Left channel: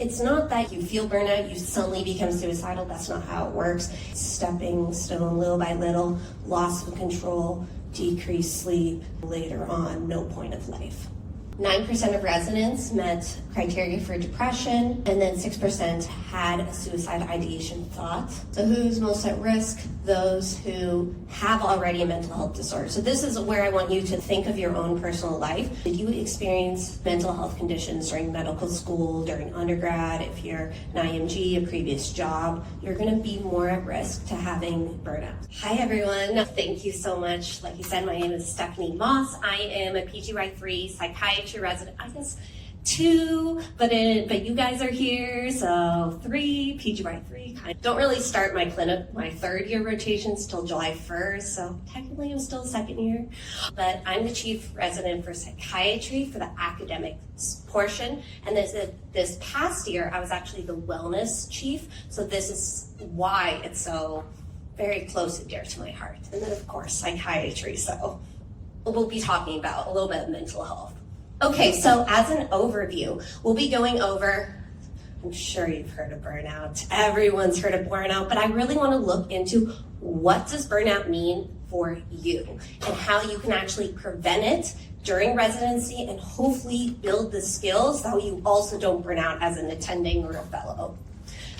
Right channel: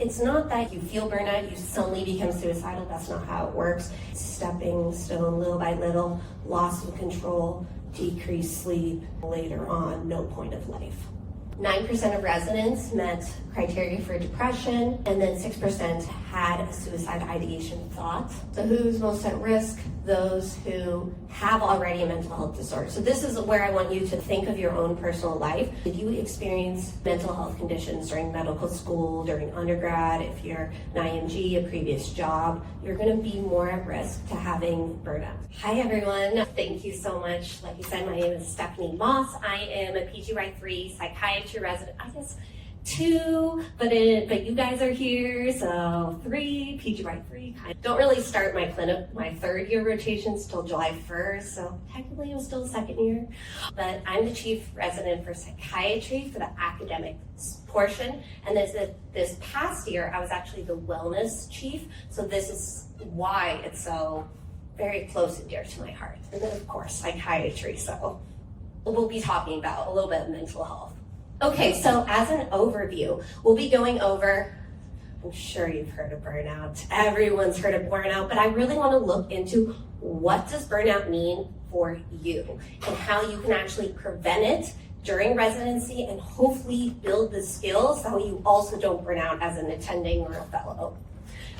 It's not that you feel burnout, you suddenly become suicidal. That's not how it works. Stepping stone, little by little, loss of control, decreased sleep, later on, no point of life. 9% of residents met criteria for depression, and then 6% had a suicide ideation thought. So who's most at risk? Those who have already a mental health disorder. So this is where I want you to think of your own personal life. Did you experience mental health conditions during medical school, during undergrad? If you're an IMG, a previous job, you're gonna be more at risk to having burnout. Hi everyone, thank you so much. Like you said, my name is Stephanie Moss. I am a PGY3 psychiatry resident. I guess 2, but you guys are here, so 3, PGY3. Don't really start my clinic, my 3rd year rotations till July 1st, so technically I'm still 2nd year. But I'm the chief resident for psychiatry for the academic portion, and this past year I was actually the wellness chief, so this is why it's so very close and dear to my heart. And then of course psychiatry, so we'll be talking about a little bit of mental health. Okay, so as an overview, we'll be going over, I'm sure you've heard of burnout. Everyone's heard of burnout, but I really want to look into what does burnout mean for you and how you can actually prevent it during residency and hopefully build the skills so you also don't burn out as an attending or a fellow.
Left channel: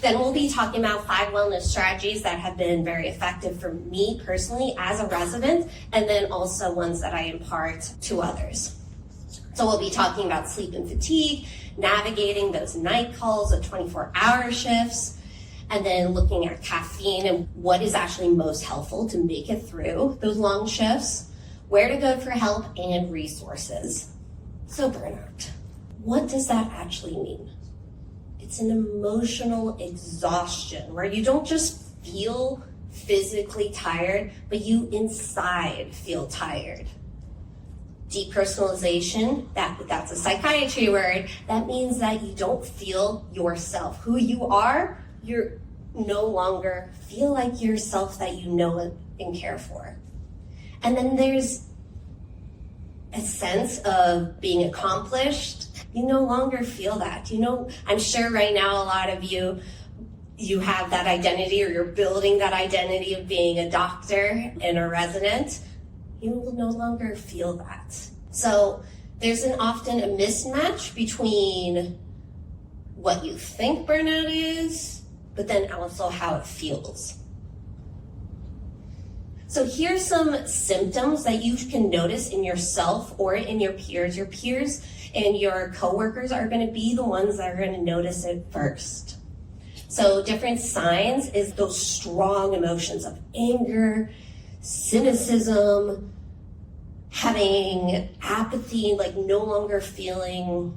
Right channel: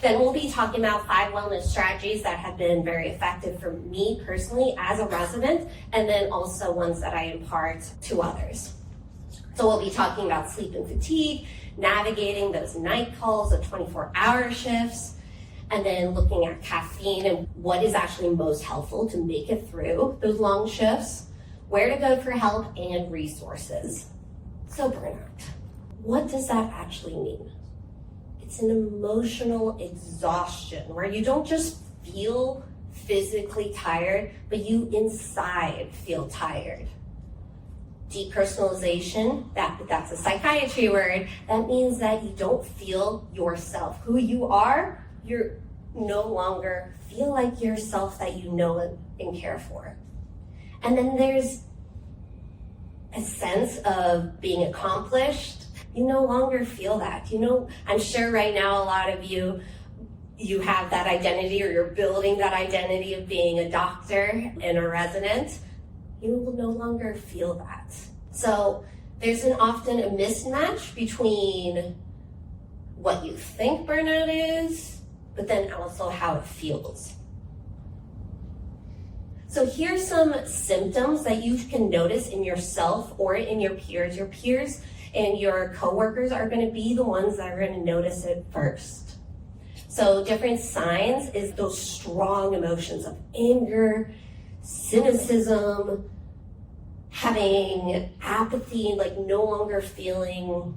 Then we'll be talking about 5 wellness strategies that have been very effective for me personally as a resident, and then also ones that I impart to others. So we'll be talking about sleep and fatigue, navigating those night calls of 24-hour shifts, and then looking at caffeine and what is actually most helpful to make it through those long shifts, where to go for help, and resources. So burnout, what does that actually mean? It's an emotional exhaustion where you don't just feel physically tired, but you inside feel tired. Depersonalization, that's a psychiatry word. That means that you don't feel yourself. Who you are, you're no longer feel like yourself that you know and care for. And then there's a sense of being accomplished. You no longer feel that. You know, I'm sure right now a lot of you have that identity, or you're building that identity of being a doctor and a resident. You will no longer feel that. So there's often a mismatch between what you think burnout is, but then also how it feels. So here's some symptoms that you can notice in yourself or in your peers. Your peers and your coworkers are going to be the ones that are going to notice it first. So different signs is those strong emotions of anger, cynicism, having apathy, like no longer feeling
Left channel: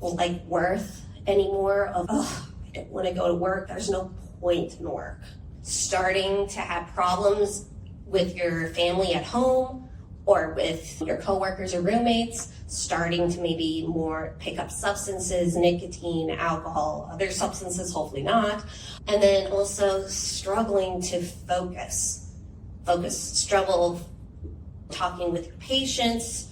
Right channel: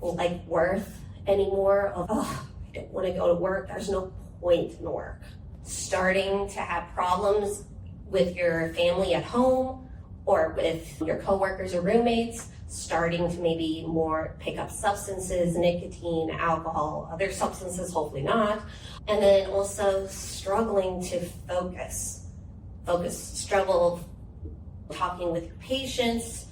like worth anymore, of, oh, I don't want to go to work, there's no point in work. Starting to have problems with your family at home or with your coworkers or roommates, starting to maybe more pick up substances, nicotine, alcohol, other substances, hopefully not. And then also struggling to struggle talking with your patients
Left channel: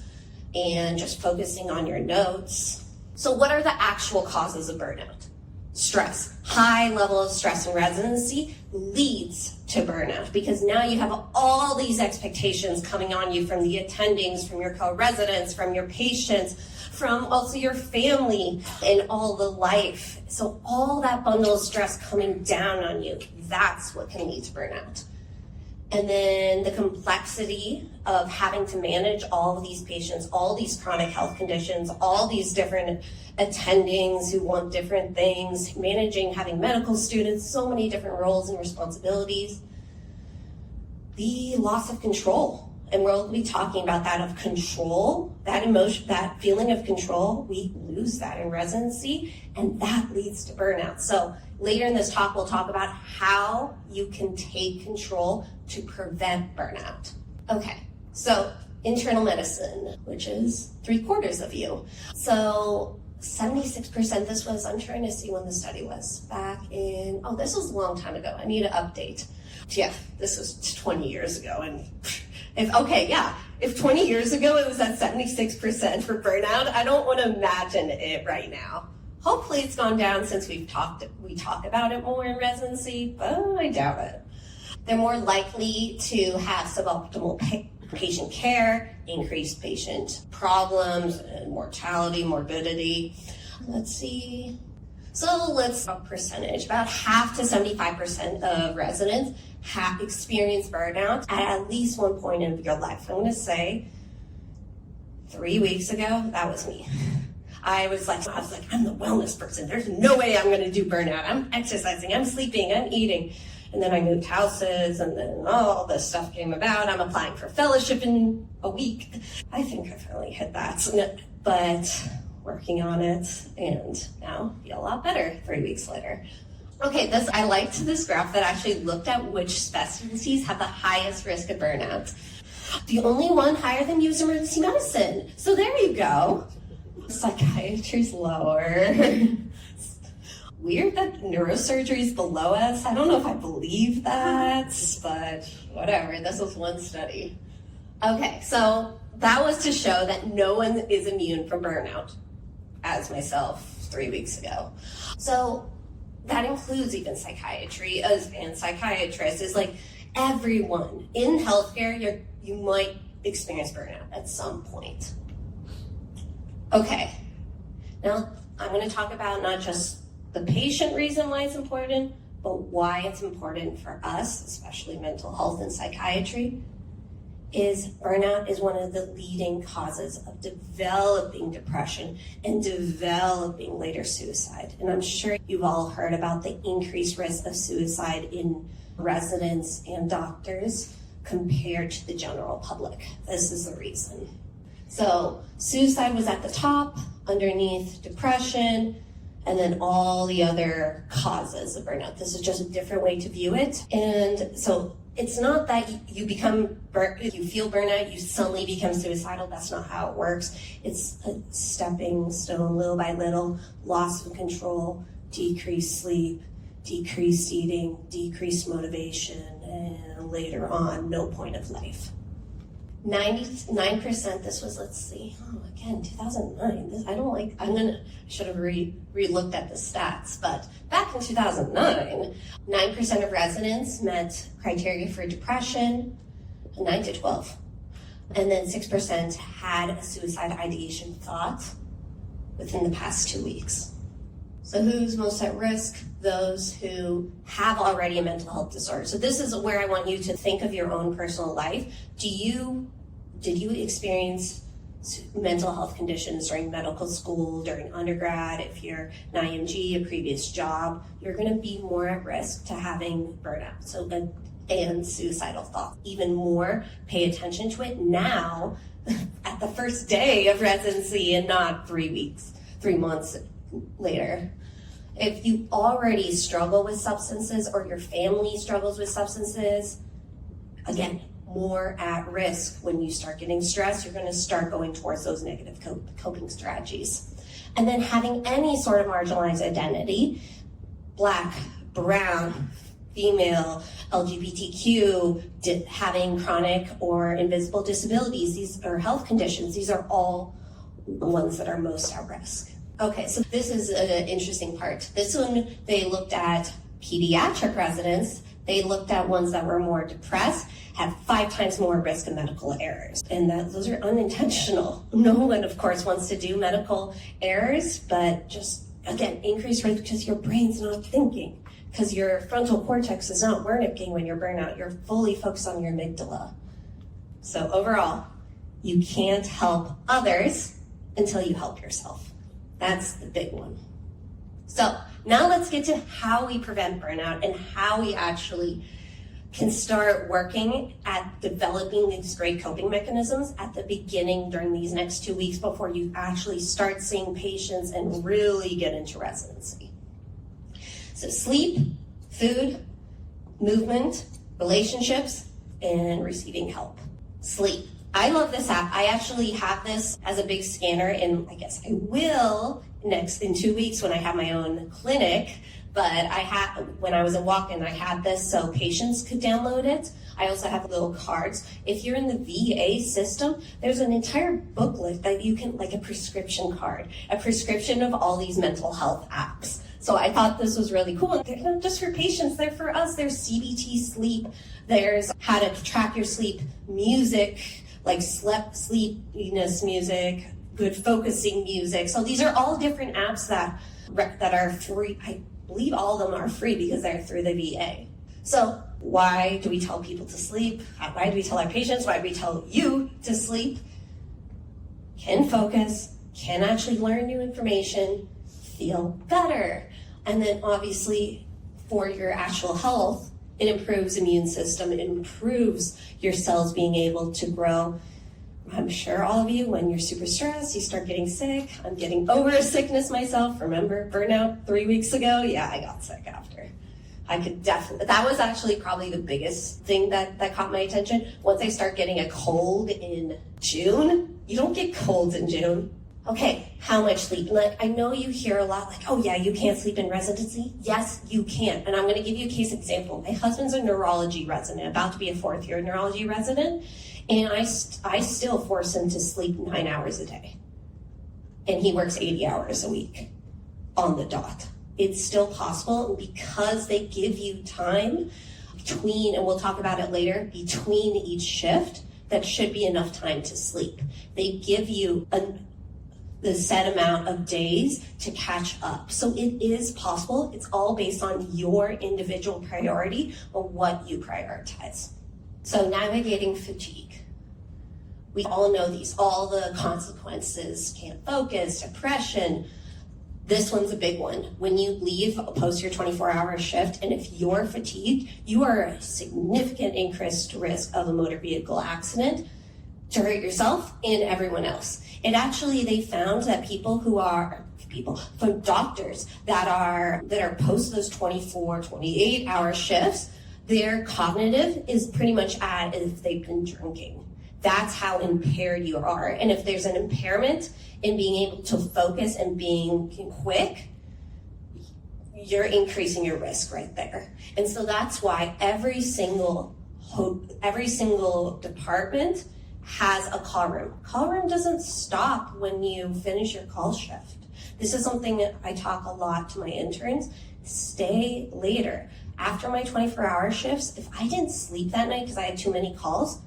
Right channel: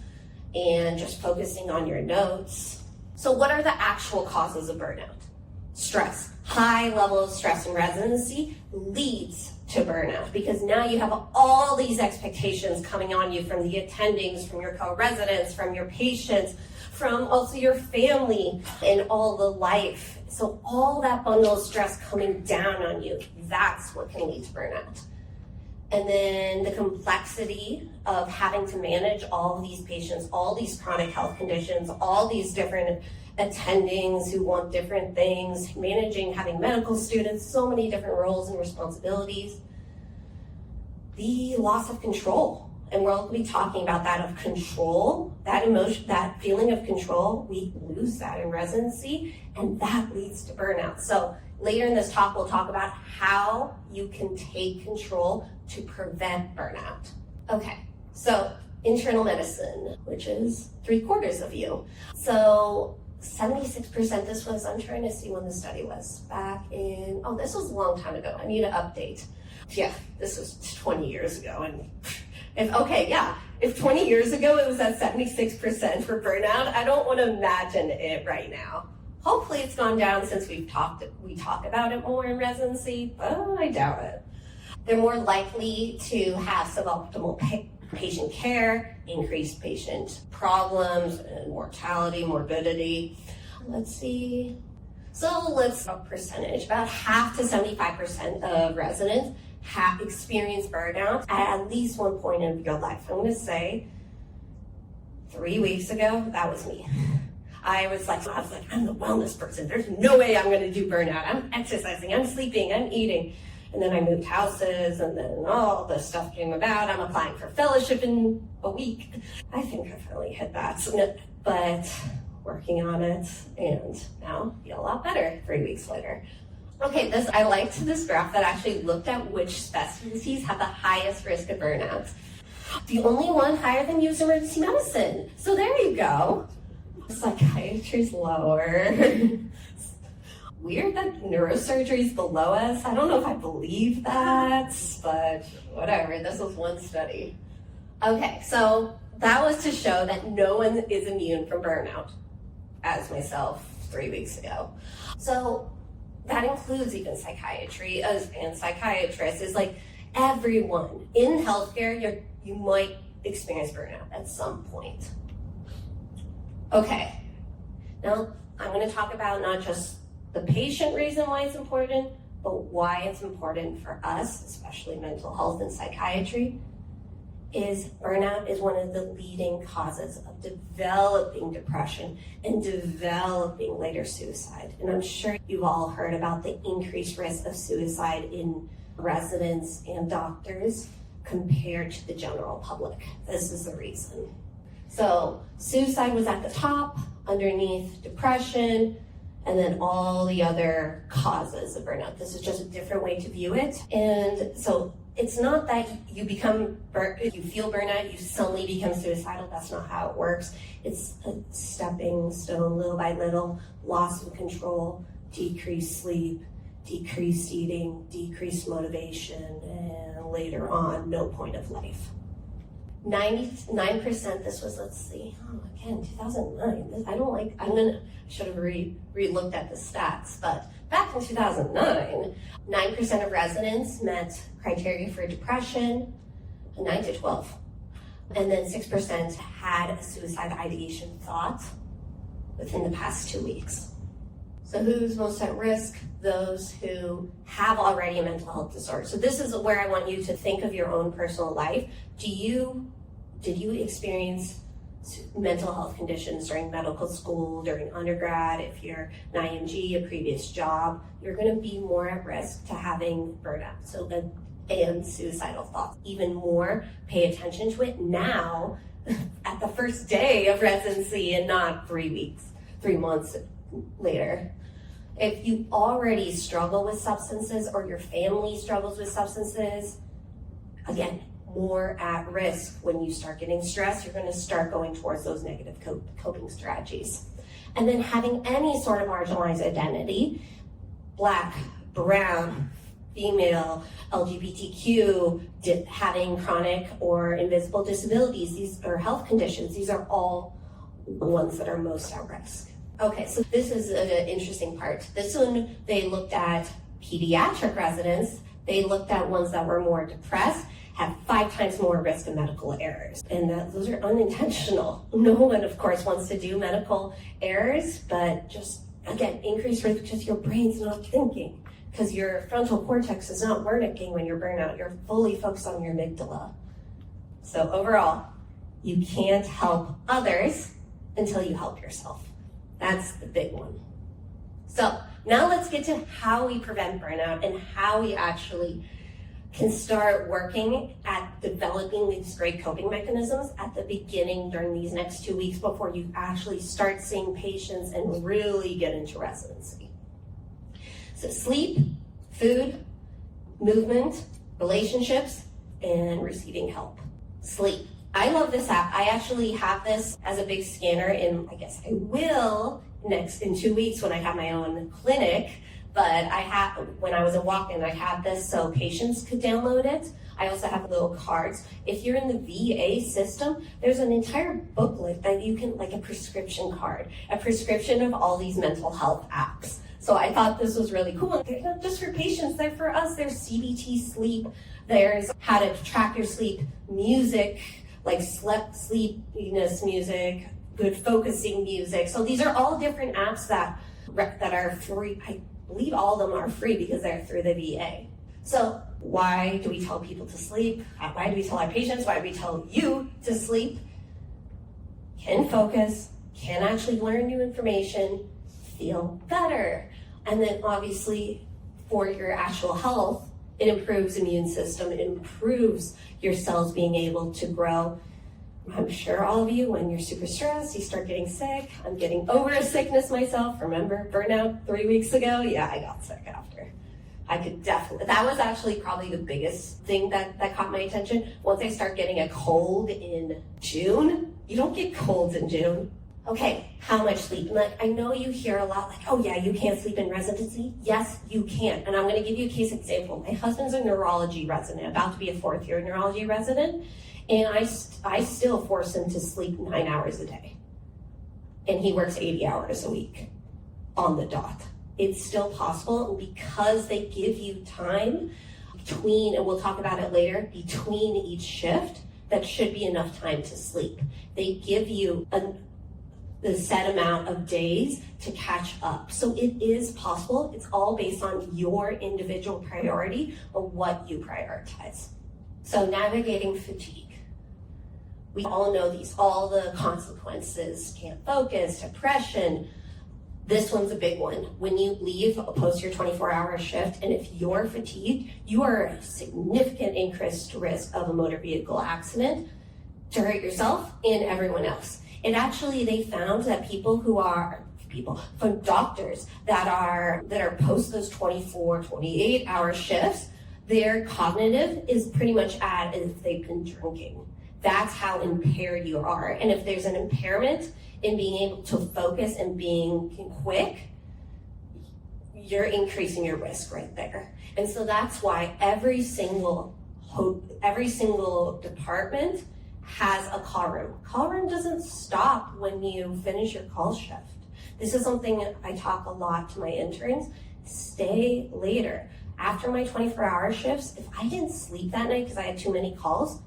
and just focusing on your notes. So what are the actual causes of burnout? Stress. High level of stress in residency leads to burnout because now you have all these expectations coming on you from the attendings, from your co-residents, from your patients, from also your family and all the life. So all that bundle of stress coming down on you, that's what can lead to burnout. And then the complexity of having to manage all of these patients, all these chronic health conditions, all these different attendings who want different things, managing, having medical students, so many different roles and responsibilities. The loss of control, and we'll be talking about that of control, that emotion, that feeling of control, we lose that in residency, and that leads to burnout. So later in this talk, we'll talk about how you can take control to prevent burnout. Okay, so internal medicine, which is 3/4 of you. So 76%, this was, I'm trying to see when the study was, back in, oh, this was a long time ago. I need an update. Yeah, this was 20 years ago. And if 20 years ago it was at 76% for burnout, I don't want to imagine it right now. Hopefully it's gone down since we talk about it more in residency, but I doubt it. They're more likely to have suboptimal patient care, increased patient problems, and mortality, morbidity. Let's see. So let's talk percentage. About half to 75% of residents have experienced burnout at least one point in your life. I'm going to say 3 weeks ago, that was me. I was like, I'm the wellness person. There's no way I'm going to do burnout. I'm exercising, I'm sleeping, I'm eating. And then I moved houses, and then all this stuff came about. I'm applying for fellowship in a week. I think I finally hit that, but working on it, and now I feel a lot better 3 weeks later. Okay, I liked this graph that actually looked at which specialties have the highest risk of burnout. The only one higher than you is emergency medicine. So there you go. Psychiatry's lower. Weird that neurosurgery is below us. I don't know if I believe that, but whatever. This was one study. Okay, so that was to show that no one is immune from burnout, as myself 3 weeks ago. So that includes even psychiatry and psychiatrists. Is like everyone in healthcare, you might experience burnout at some point. Okay, now I'm going to talk about not just the patient reason why it's important, but why it's important for us, especially mental health and psychiatry, is burnout is one of the leading causes of developing depression and developing later suicide. And I'm sure you've all heard about the increased risk of suicide in residents and doctors compared to the general public. This is the reason. So suicide was at the top, underneath depression, and then all the other causes of burnout. This is just a different way to view it. And so it's not that you feel burnout, you suddenly become suicidal. That's not how it works. It's a stepping stone, little by little, loss of control, decreased sleep, decreased eating, decreased motivation, and later on, no point of life. 99%, this was, let's see, again, 2009. I should have re-looked at the stats, but back in 2009, 9% of residents met criteria for depression, 9 to 12. And then 6% had a suicide ideation thought within the past 2 weeks. So who's most at risk? Those who have already a mental health disorder. So this is where I want you to think of your own personal life. Did you experience mental health conditions during medical school, during undergrad? If you're an IMG, a previous job, you're going to be more at risk to having burnout. And suicidal thoughts. Even more, pay attention to it now at the first day of residency and not 3 months later. If you already struggle with substances or your family struggles with substances, again, more at risk. When you start getting stressed, you're going to start going towards those negative coping strategies. And then having any sort of marginalized identity, Black, brown, female, LGBTQ, having chronic or invisible disabilities, or health conditions, these are all the ones that are most at risk. Okay, so this is an interesting part. This one, they looked at pediatric residents. They looked at ones that were more depressed, had 5 times more risk of medical errors. And those are unintentional. No one, of course, wants to do medical errors, but just, again, increased risk because your brain's not thinking, because your frontal cortex is not working when you're burnout. You're fully focused on your amygdala. So overall, you can't help others until you help yourself. That's the big one. So now let's get to how we prevent burnout and how we actually can start working at developing these great coping mechanisms at the beginning during these next 2 weeks before you actually start seeing patients and really get into residency. So sleep, food, movement, relationships, and receiving help. Sleep. I love this app. I actually have this as a big scanner, and I guess I will in 2 weeks when I have my own clinic. but when I was in walk-in, I had this so patients could download it. I also have little cards. If you're in the VA system, there's an entire booklet that you can, like a prescription card, a prescription of all these mental health apps. So I thought this was really cool. They're not just for patients, they're for us. There's CBT sleep, there's how to track your sleep, music, like sleepiness music, good focusing music. So these are all different apps that are free. I believe all of them are free because they're through the VA. So why do we tell people to sleep? Why do we tell our patients? Why do we tell you to sleep? Can focus, can actually learn new information, feel better. And then obviously for your actual health, it improves immune system, it improves your cells being able to grow. I'm sure all of you, when you're super stressed, you start getting sick. I'm getting over a sickness myself. Remember burnout 3 weeks ago? Yeah, I got sick after. I could definitely, that was actually probably the biggest thing that caught my attention. Once I start getting a cold in June, you don't get colds in June. Okay, how much sleep? And I know you hear a lot like, oh yeah, you can't sleep in residency. Yes, you can. And I'm gonna give you a case example. My husband's a neurology resident, about to be a 4th year neurology resident. And I still force him to sleep 9 hours a day. And he works 80 hours a week on the dot. It's still possible because they give you time between, and we'll talk about it later, between each shift, that should be enough time to sleep. They give you the set amount of days to catch up. So it is possible. It's all based on your individual priority or what you prioritize. So navigating fatigue. We all know these, all the consequences, can't focus, depression. This one's a big one. When you leave post your 24-hour shift, and if you're fatigued, you are at a significant increased risk of a motor vehicle accident to hurt yourself and everyone else. And actually they found that from doctors that are post those 24, 28-hour shifts, their cognitive is pretty much as if they've been drinking. That's how impaired you are. And if there's an impairment in being able to focus and being quick, you're increasing your risk right there. And so that's why every single department has a call room. Call room doesn't stop when you finish your call shift. This is something that I talk a lot to my interns. Stay later. After my 24-hour shifts, if I didn't sleep that night because I had too many calls,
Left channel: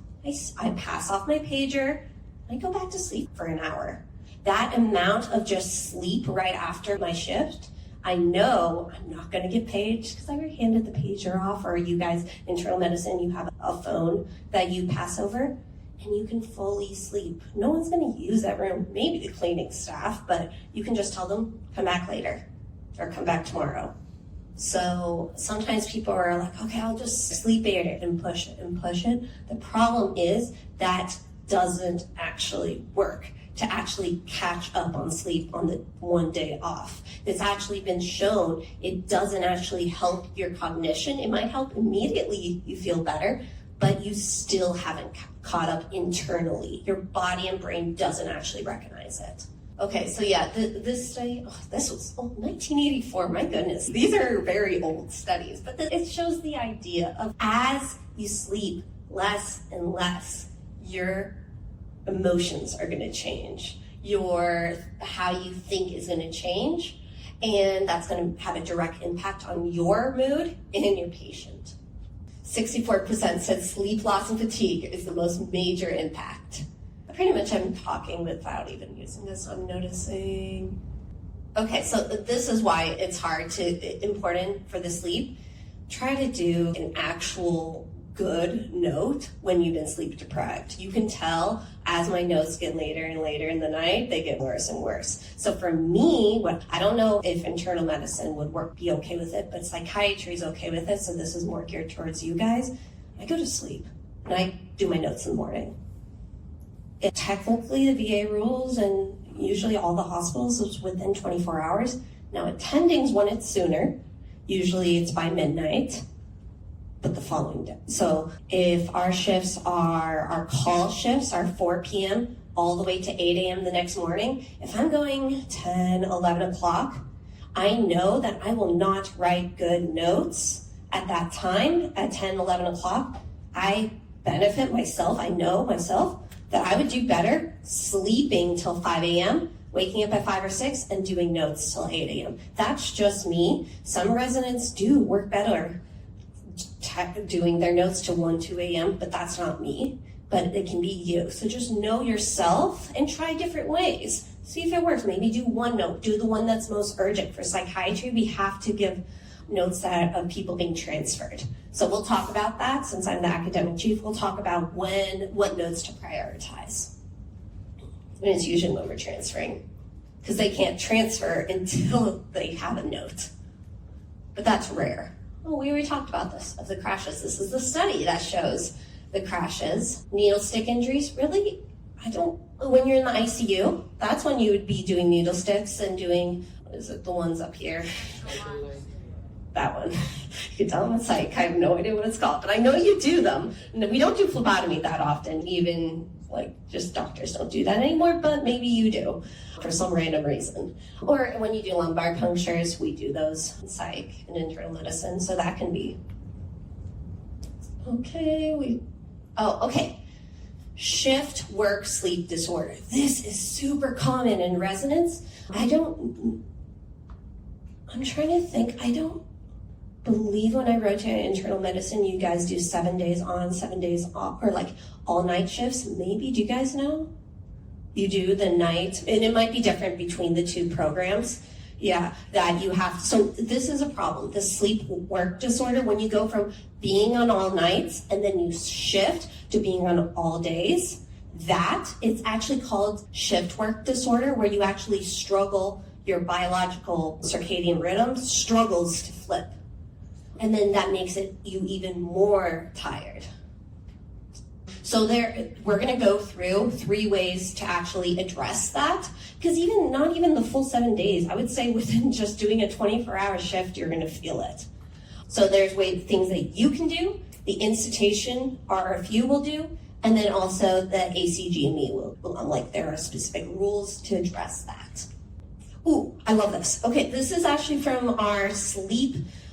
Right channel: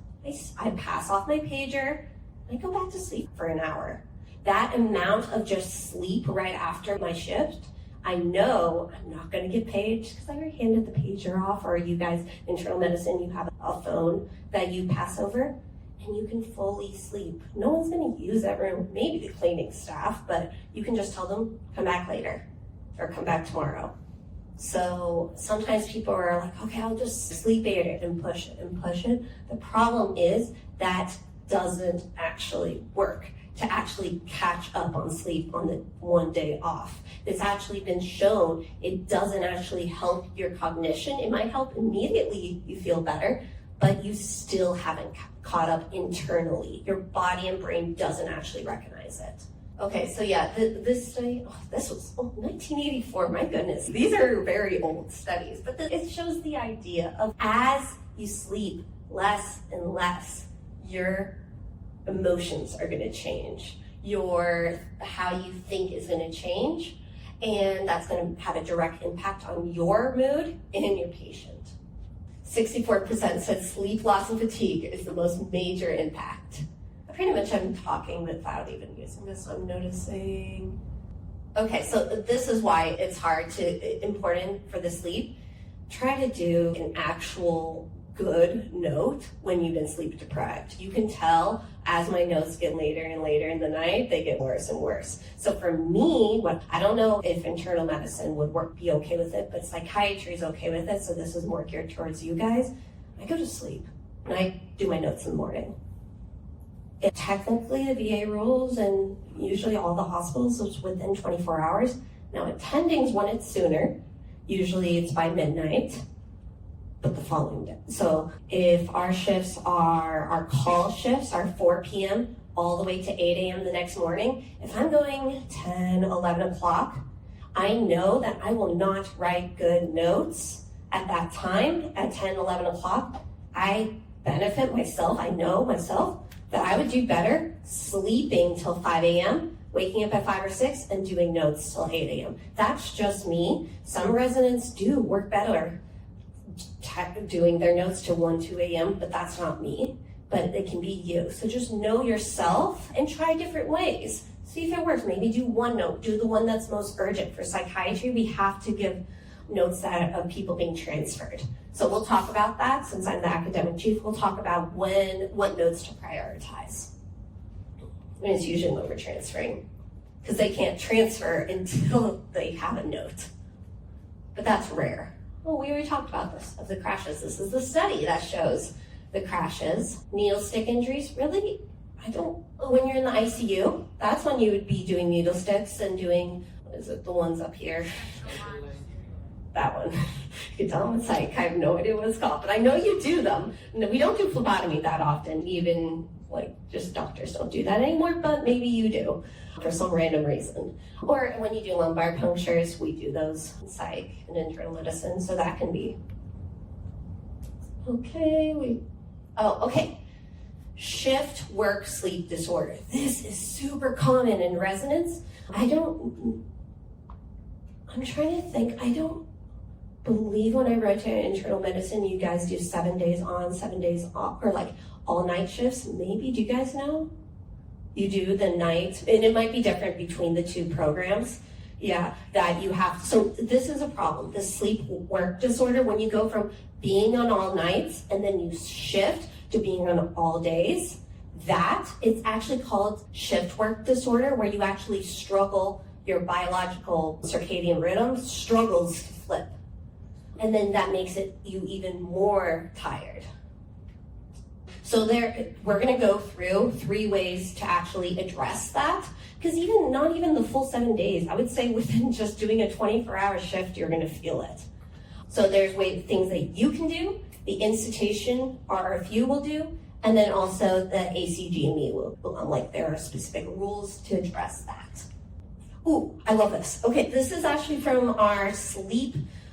I pass off my pager, I go back to sleep for an hour. That amount of just sleep right after my shift, I know I'm not gonna get paged because I already handed the pager off, or you guys, internal medicine, you have a phone that you pass over and you can fully sleep. No one's gonna use that room, maybe the cleaning staff, but you can just tell them, come back later or come back tomorrow. So sometimes people are like, okay, I'll just sleep it and push it and push it. The problem is that doesn't actually work to actually catch up on sleep on the one day off. It's actually been shown it doesn't actually help your cognition. It might help immediately you feel better, but you still haven't caught up internally. Your body and brain doesn't actually recognize it. Okay, so yeah, this study, this was 1984, my goodness. These are very old studies, but it shows the idea of as you sleep less and less, your emotions are gonna change. How you think is gonna change, and that's gonna have a direct impact on your mood and your patient. 64% said sleep loss and fatigue is the most major impact. Pretty much I'm talking without even using this, I'm noticing. Okay, so this is why it's important for the sleep. Try to do an actual good note when you've been sleep deprived. You can tell as my notes get later and later in the night, they get worse and worse. So for me, I don't know if internal medicine would be okay with it, but psychiatry is okay with it, so this is more geared towards you guys. I go to sleep and I do my notes in the morning. Technically, the VA rules and usually all the hospitals is within 24 hours. Now, attendings want it sooner. Usually it's by midnight, but the following day. So if our call shifts are 4 p.m. all the way to 8 a.m. the next morning, if I'm going 10, 11 o'clock, I know that I will not write good notes at that time, at 10, 11 o'clock. I benefit myself, I know myself, that I would do better sleeping till 5 a.m., waking up at 5 or 6, and doing notes till 8 a.m. That's just me. Some residents do work better doing their notes till 1, 2 a.m., but that's not me. But it can be you. So just know yourself and try different ways. See if it works. Maybe do one note. Do the one that's most urgent. For psychiatry, we have to give notes that of people being transferred. So we'll talk about that. Since I'm the academic chief, we'll talk about what notes to prioritize. And it's usually when we're transferring, because they can't transfer until they have a note. But that's rare. Oh, we already talked about this, of the crashes. This is the study that shows the crashes. Needle stick injuries, really? When you're in the ICU, that's when you would be doing needle sticks and doing, what is it, the ones up here? That one. You can tell I'm a psych, I have no idea what it's called, but I know you do them. We don't do phlebotomy that often, even just doctors don't do that anymore, but maybe you do for some random reason. Or when you do lumbar punctures, we do those in psych and internal medicine, so that can be. Okay, okay. Shift work sleep disorder. This is super common in residents. I'm trying to think, I don't believe when I rotate internal medicine, you guys do 7 days on, 7 days off, or all night shifts. Maybe, do you guys know? You do the night, and it might be different between the two programs. Yeah, that you have, so this is a problem, the sleep work disorder, when you go from being on all nights and then you shift to being on all days, it's actually called shift work disorder, where you actually struggle, your biological circadian rhythm struggles to flip. And then that makes you even more tired. So we're gonna go through 3 ways to actually address that, because not even the full 7 days, I would say within just doing a 24-hour shift, you're gonna feel it. So there's things that you can do, the institution RFU will do, and then also the ACGME will, there are specific rules to address that. Ooh, I love this. Okay, this is actually from our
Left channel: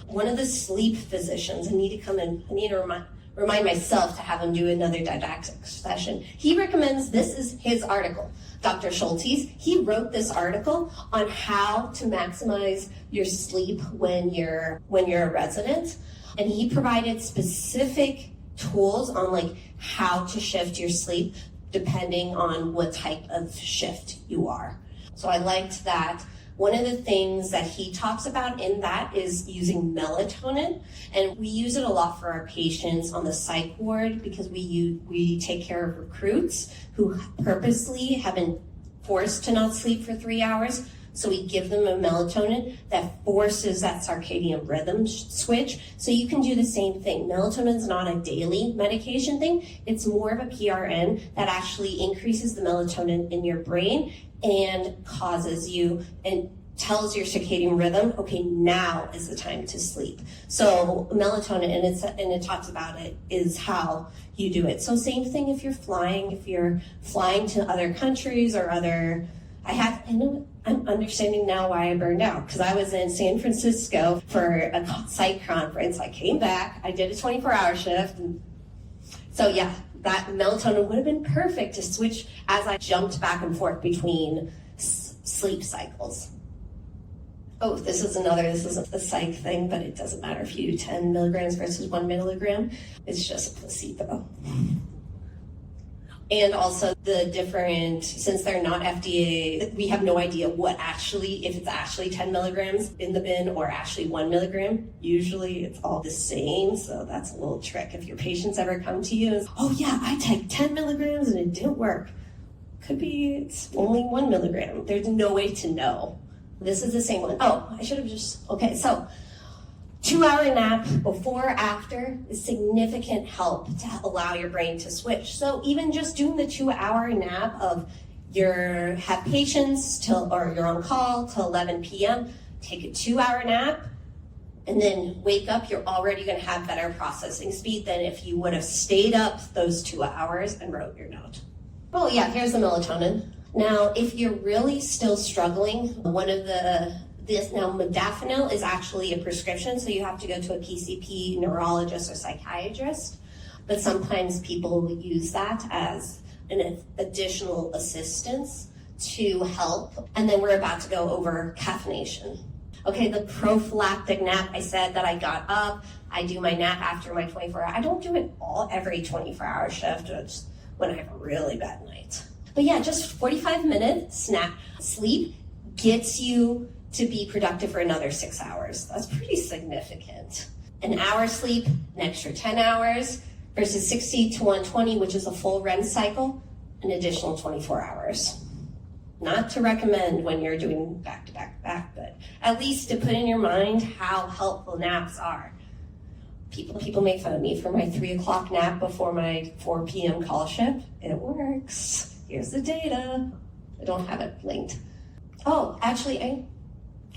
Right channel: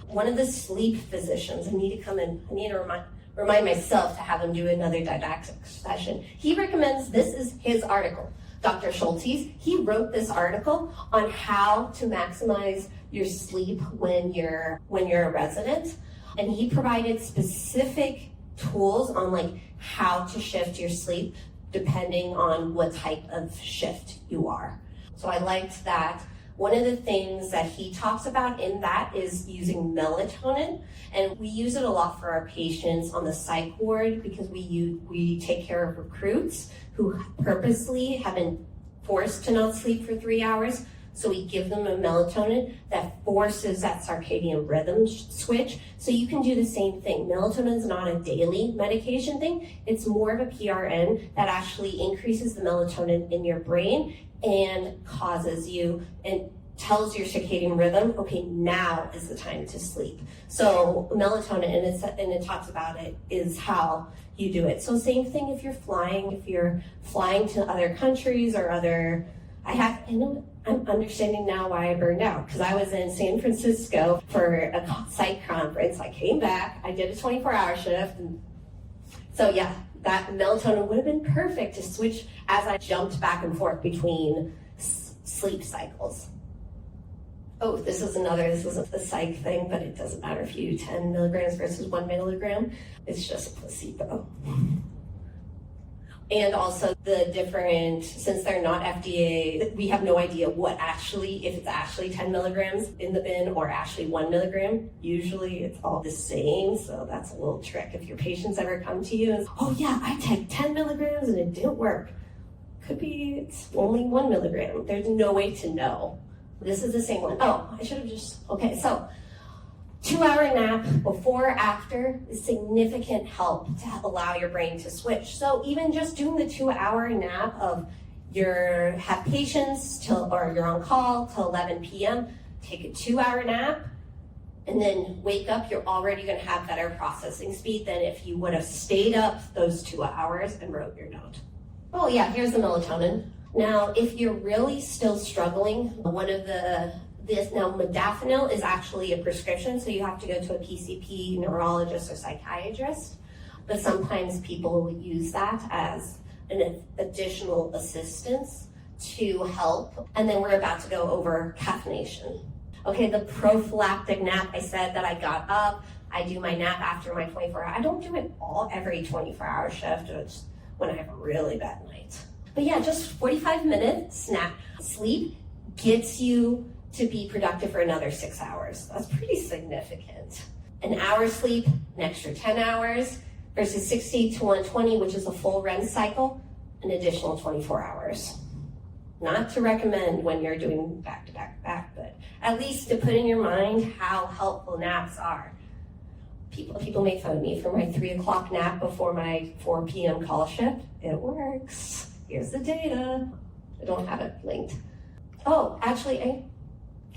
one of the sleep physicians. I need to come in, I need to remind myself to have him do another didactic session. He recommends, this is his article, Dr. Schultes. He wrote this article on how to maximize your sleep when you're a resident. And he provided specific tools on how to shift your sleep depending on what type of shift you are. So I liked that. One of the things that he talks about in that is using melatonin, and we use it a lot for our patients on the psych ward because we take care of recruits who purposely have been forced to not sleep for 3 hours. So we give them a melatonin that forces that circadian rhythm switch. So you can do the same thing. Melatonin is not a daily medication thing. It's more of a PRN that actually increases the melatonin in your brain and causes you and tells your circadian rhythm, okay, now is the time to sleep. So melatonin, and it talks about it, is how you do it. So same thing if you're flying to other countries or I'm understanding now why I burned out, because I was in San Francisco for a psych conference. I came back, I did a 24-hour shift. And so yeah, that melatonin would have been perfect to switch as I jumped back and forth between sleep cycles. Oh, this is a psych thing, but it doesn't matter if you do 10 milligrams versus 1 milligram. It's just a placebo. And also since they're not FDA, we have no idea if it's actually 10 milligrams in the bin or actually 1 milligram. Usually it's all the same, so that's a little trick. If your patients ever come to you and, oh yeah, I typed 10 milligrams and it didn't work. Could be it's only 1 milligram. There's no way to know. This is the same one. Oh, I should have okay, so 2-hour nap before or after is significant help to allow your brain to switch. So even just doing the 2-hour nap of have patients or you're on call till 11 p.m., take a 2-hour nap, and then wake up, you're already gonna have better processing speed than if you would have stayed up those 2 hours and wrote your note. Oh yeah, here's the melatonin. Now, if you're really still struggling, one of the Now, Modafinil is actually a prescription, so you have to go to a PCP, neurologist, or psychiatrist. But sometimes people will use that as an additional assistance to help. And then we're about to go over caffeination. Okay, the prophylactic nap, I said that I got up, I do my nap after my 24 hour. I don't do it every 24-hour shift. It's when I have a really bad night. But yeah, just 45-minute sleep gets you to be productive for another 6 hours. That's pretty significant. An hour sleep, an extra 10 hours, versus 60 to 120, which is a full REM cycle, an additional 24 hours. Not to recommend when you're doing back to back to back, but at least to put in your mind how helpful naps are. People make fun of me for my 3 o'clock nap before my 4 p.m. call shift. It works. Here's the data. I don't have it linked. Oh, actually, I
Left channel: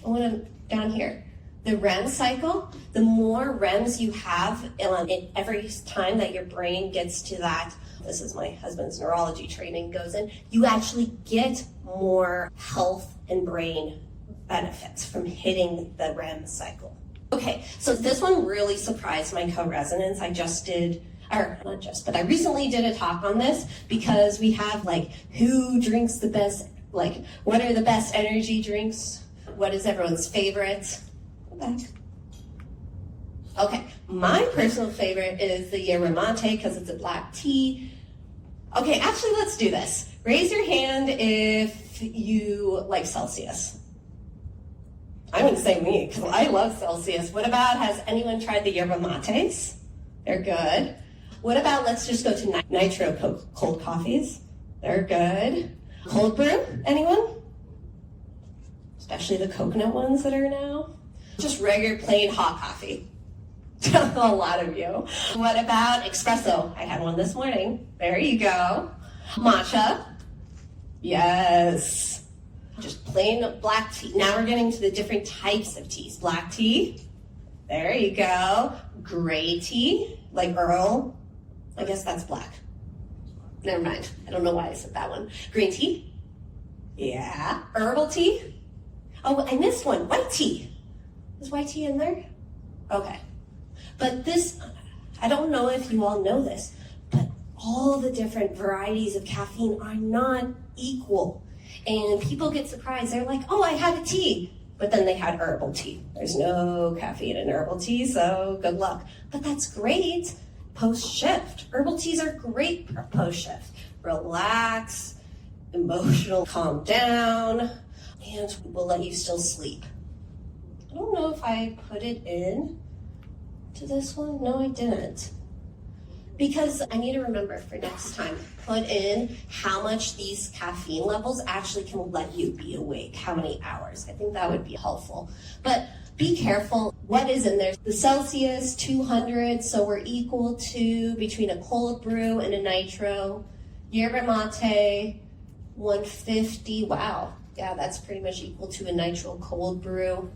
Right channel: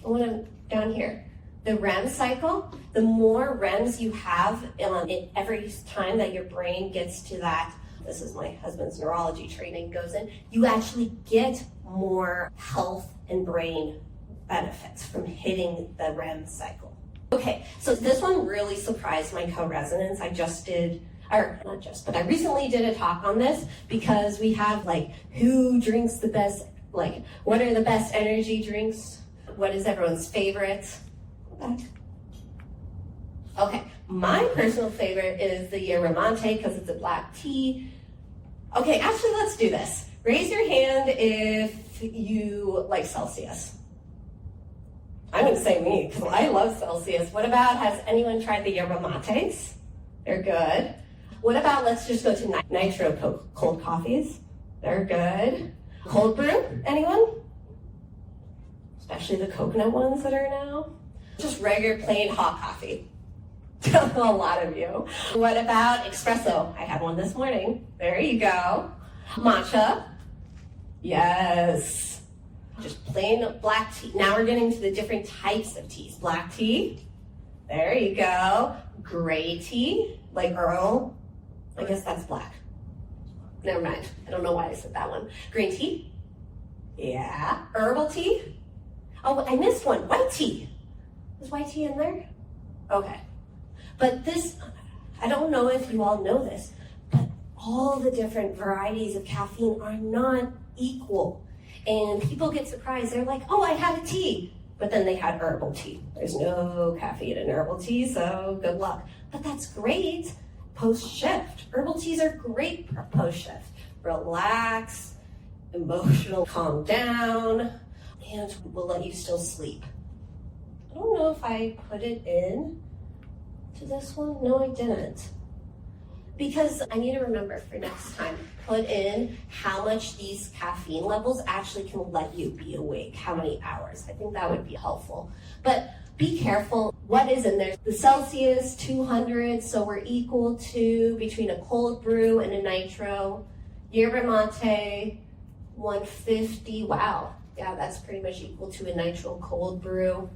want to down here. The REM cycle, the more REMs you have every time that your brain gets to that, this is my husband's neurology training goes in, you actually get more health and brain benefits from hitting the REM cycle. Okay, so this one really surprised my co-residents. I recently did a talk on this because we have who drinks the best, what are the best energy drinks? What is everyone's favorite? Okay, my personal favorite is the yerba mate because it's a black tea. Okay, actually, let's do this. Raise your hand if you like Celsius. I wouldn't say me because I love Celsius. What about, has anyone tried the yerba mates? They're good. What about, let's just go to nitro cold coffees. They're good. Cold brew, anyone? Especially the coconut ones that are now. Just regular plain hot coffee. A lot of you. What about espresso? I had one this morning. There you go. Matcha. Yes. Just plain black tea. Now we're getting to the different types of teas. Black tea. There you go. Gray tea, like Earl. I guess that's black. Never mind. I don't know why I said that one. Green tea. Yeah. Herbal tea. Oh, and this one, white tea. Is white tea in there? Okay. But this, I don't know if you all know this, but all the different varieties of caffeine are not equal. And people get surprised. They're like, oh, I had a tea. But then they had herbal tea. There's no caffeine in herbal tea, so good luck. But that's great post-shift. Herbal teas are great post-shift. Relax, emotional, calm down, and will let you still sleep. I don't know if I put it in to this one. No, I didn't. Because I need to remember for next time, put in how much these caffeine levels actually can let you be awake, how many hours. I think that would be helpful. But be careful what is in there. The Celsius, 200, so we're equal to between a cold brew and a nitro. Yerba mate, 150, wow. Yeah, that's pretty much equal to a nitro cold brew.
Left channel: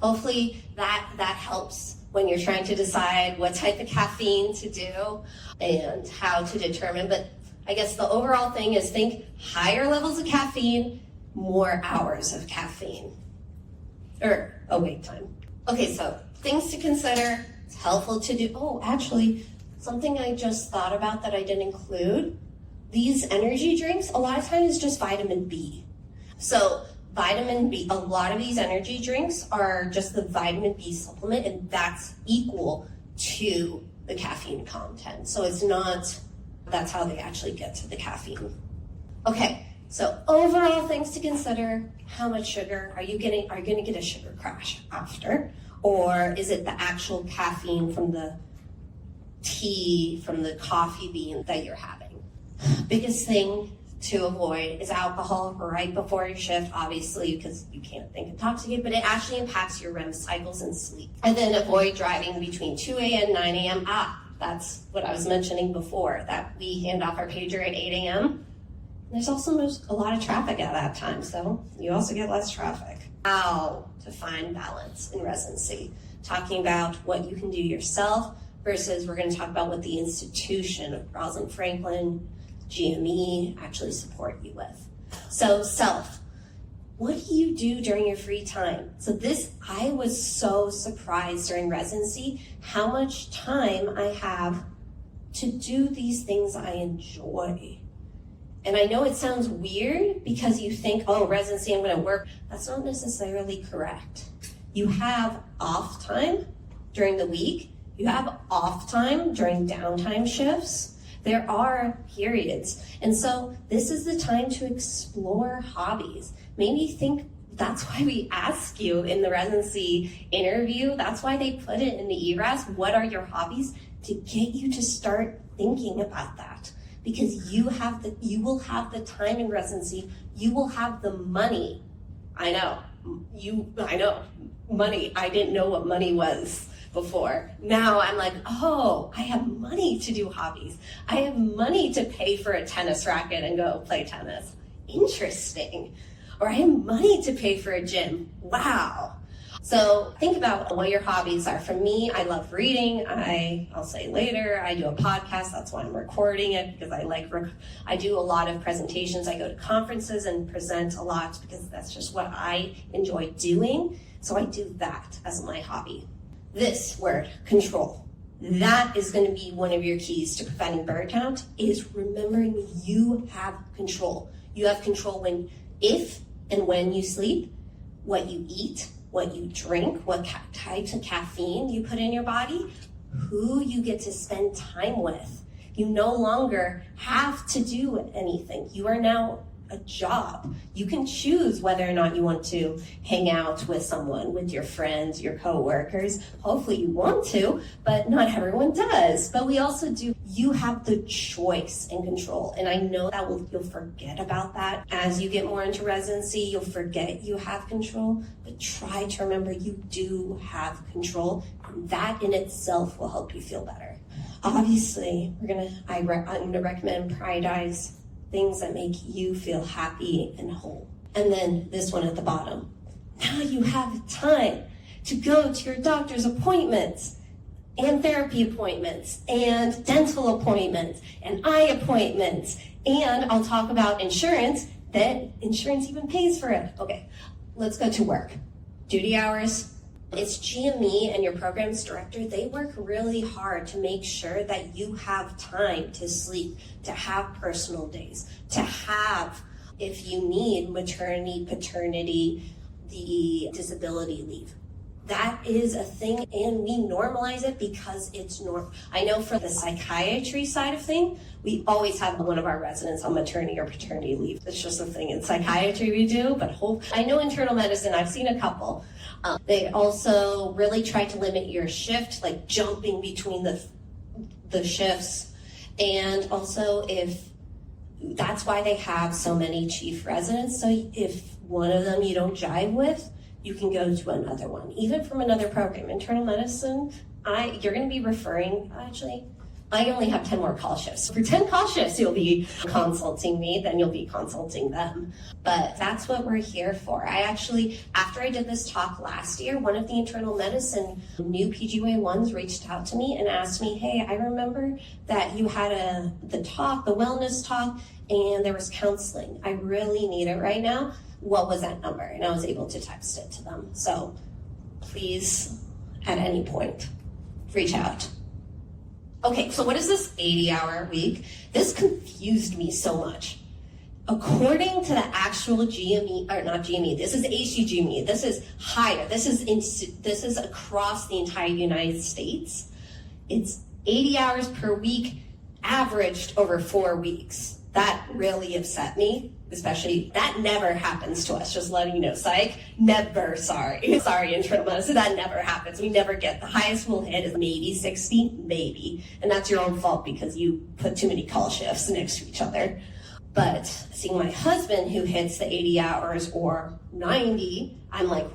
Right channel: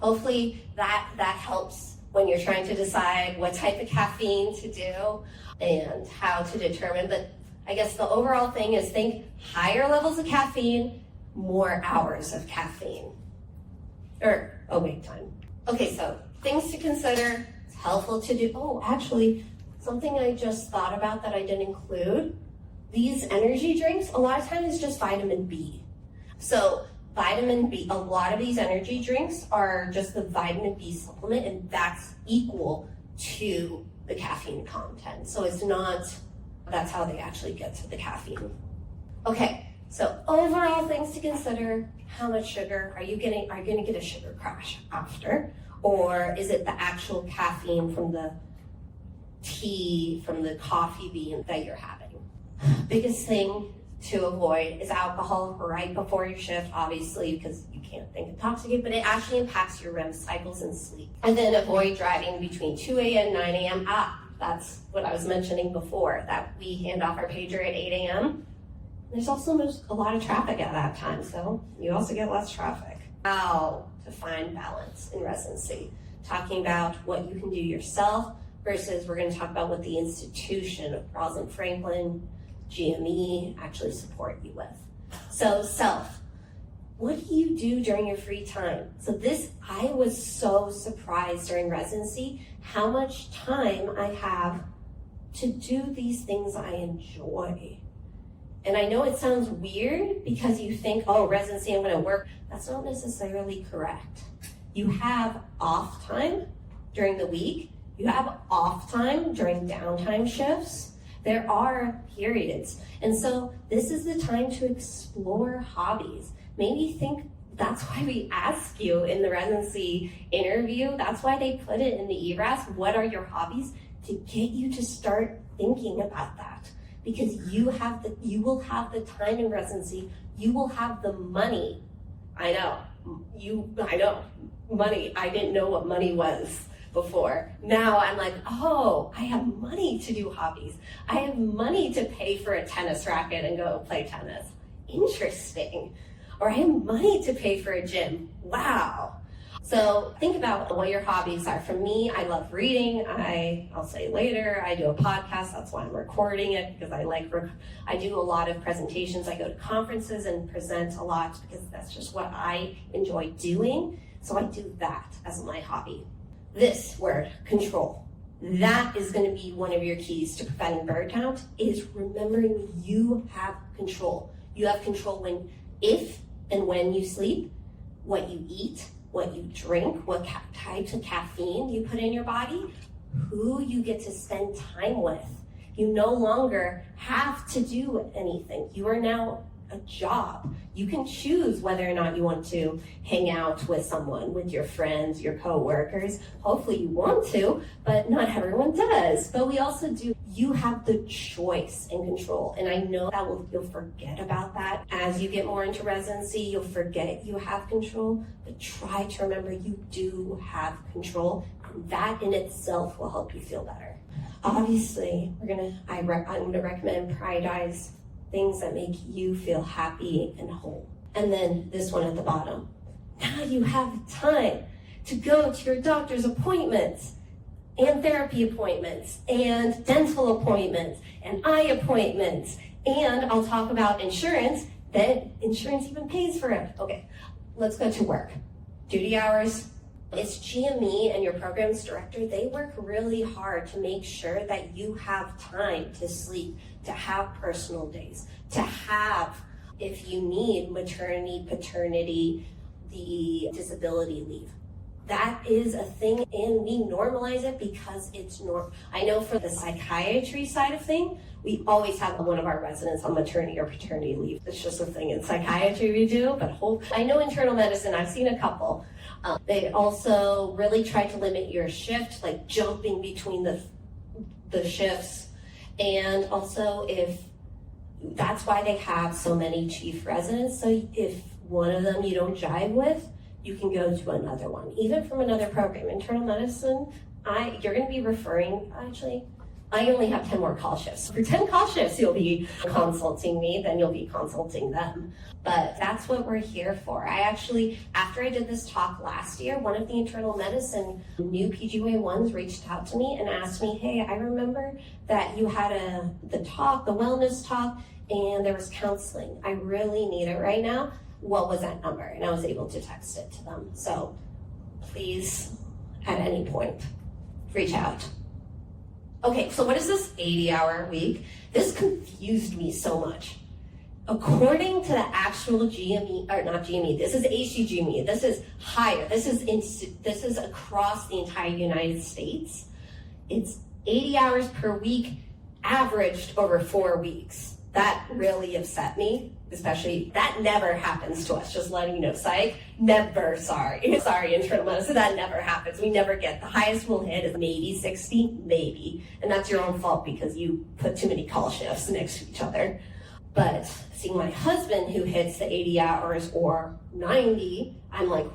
Hopefully that helps when you're trying to decide what type of caffeine to do and how to determine. But I guess the overall thing is think higher levels of caffeine, more hours of caffeine. Or awake time. Okay, so things to consider. It's helpful to do. Oh, actually, something I just thought about that I didn't include. These energy drinks, a lot of times is just vitamin B. So vitamin B, a lot of these energy drinks are just the vitamin B supplement, and that's equal to the caffeine content. So it's not, that's how they actually get to the caffeine. Okay, so overall things to consider: how much sugar are you going to get a sugar crash after? Or is it the actual caffeine from the tea, from the coffee bean that you're having? Biggest thing to avoid is alcohol right before your shift, obviously, because you can't think intoxicate, but it actually impacts your REM cycles and sleep. And then avoid driving between 2 a.m. and 9 a.m. That's what I was mentioning before, that we hand off our pager at 8 a.m. There's also a lot of traffic at that time, so you also get less traffic. How to find balance in residency. Talking about what you can do yourself versus we're going to talk about what the institution of Rosalind Franklin, GME actually support you with. So self, What do you do during your free time? So I was so surprised during residency how much time I have to do these things I enjoy. And I know it sounds weird because you think, oh, residency, I'm gonna work. That's not necessarily correct. You have off time during the week. You have off time during downtime shifts. There are periods. And so this is the time to explore hobbies. Maybe think that's why we ask you in the residency interview. That's why they put it in the ERAS. What are your hobbies? To get you to start thinking about that. Because you will have the time in residency. You will have the money. I know, money. I didn't know what money was before. Now I'm like, oh, I have money to do hobbies. I have money to pay for a tennis racket and go play tennis. Interesting. Or I have money to pay for a gym. Wow. So think about what your hobbies are. For me, I love reading. I'll say later, I do a podcast. That's why I'm recording it, because I do a lot of presentations. I go to conferences and present a lot because that's just what I enjoy doing. So I do that as my hobby. This word, control. That is going to be one of your keys to preventing burnout, is remembering you have control. You have control if and when you sleep, what you eat, what you drink, what types of caffeine you put in your body, who you get to spend time with. You no longer have to do anything. You are now a job. You can choose whether or not you want to hang out with someone, with your friends, your coworkers. Hopefully you want to, but not everyone does. But we also do. You have the choice and control. And I know that you'll forget about that. As you get more into residency, you'll forget you have control, but try to remember you do have control. That in itself will help you feel better. Obviously, I'm gonna recommend prioritize things that make you feel happy and whole. And then this one at the bottom. Now you have time to go to your doctor's appointments and therapy appointments and dental appointments and eye appointments. And I'll talk about insurance, that insurance even pays for it. Okay, let's go to work. Duty hours. It's GME and your programs director, they work really hard to make sure that you have time to sleep, to have personal days, to have, if you need, maternity, paternity, the disability leave. That is a thing, and we normalize it because it's normal. I know for the psychiatry side of things, we always have one of our residents on maternity or paternity leave. It's just a thing in psychiatry we do, but I know internal medicine, I've seen a couple. They also really try to limit your shift, like jumping between the shifts. And also that's why they have so many chief residents. So if one of them you don't jive with, you can go to another one, even from another program. Internal medicine, you're going to be referring, actually, I only have 10 more call shifts. For 10 call shifts, you'll be consulting me, then you'll be consulting them. But that's what we're here for. After I did this talk last year, one of the internal medicine new PGY1s reached out to me and asked me, hey, I remember that you had the wellness talk, and there was counseling. I really need it right now. What was that number? And I was able to text it to them. So please, at any point, reach out. Okay, so what is this 80-hour week? This confused me so much. According to the actual GME, or not GME, this is ACGME, this is higher, this is across the entire United States. It's 80 hours per week, averaged over 4 weeks. That really upset me, especially, that never happens to us, just letting you know. Psych, never, sorry, internal medicine, that never happens. We never get, the highest we'll hit is maybe 60, maybe. And that's your own fault because you put too many call shifts next to each other. But seeing my husband who hits the 80 hours or 90, I'm like,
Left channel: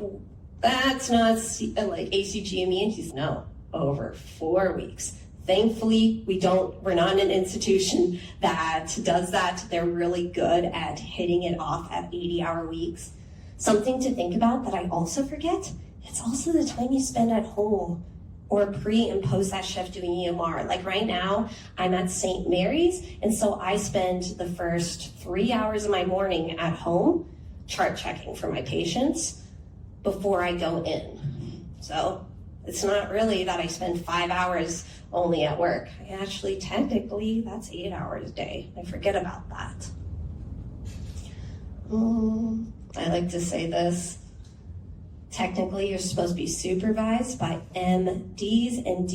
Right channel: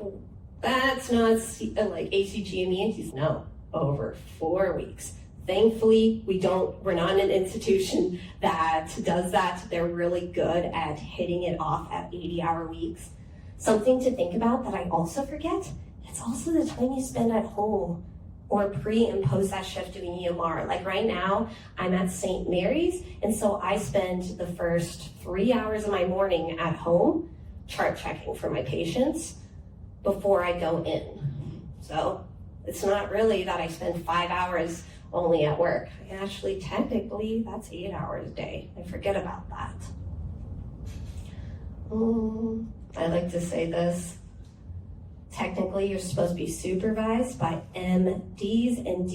that's not like ACGME, and he's no, over 4 weeks. Thankfully, we're not an institution that does that. They're really good at hitting it off at 80-hour weeks. Something to think about that I also forget, it's also the time you spend at home or pre and post that shift doing EMR. Like right now, I'm at St. Mary's, and so I spend the first 3 hours of my morning at home chart checking for my patients before I go in. So it's not really that I spend 5 hours only at work. Actually, technically, that's 8 hours a day. I forget about that. I like to say this. Technically, you're supposed to be supervised by MDs and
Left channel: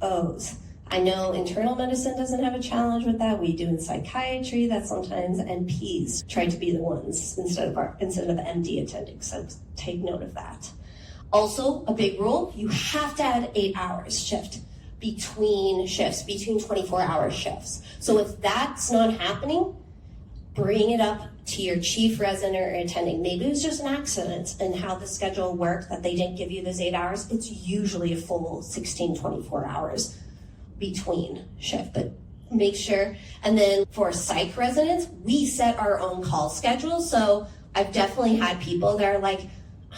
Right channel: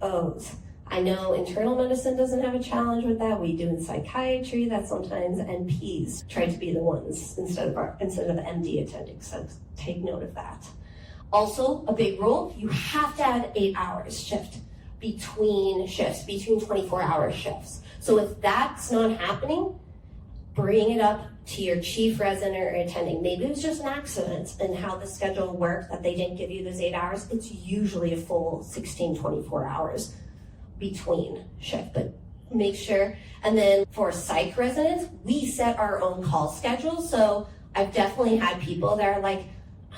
DOs. I know internal medicine doesn't have a challenge with that. We do in psychiatry that sometimes NPs try to be the ones instead of MD attending. So take note of that. Also, a big rule, you have to add 8 hours shift between shifts, between 24-hour shifts. So if that's not happening, bring it up to your chief resident or attending. Maybe it was just an accident in how the schedule worked that they didn't give you those 8 hours. It's usually a full 16, 24 hours between shift, but make sure. And then for psych residents, we set our own call schedule. So I've definitely had people that are like,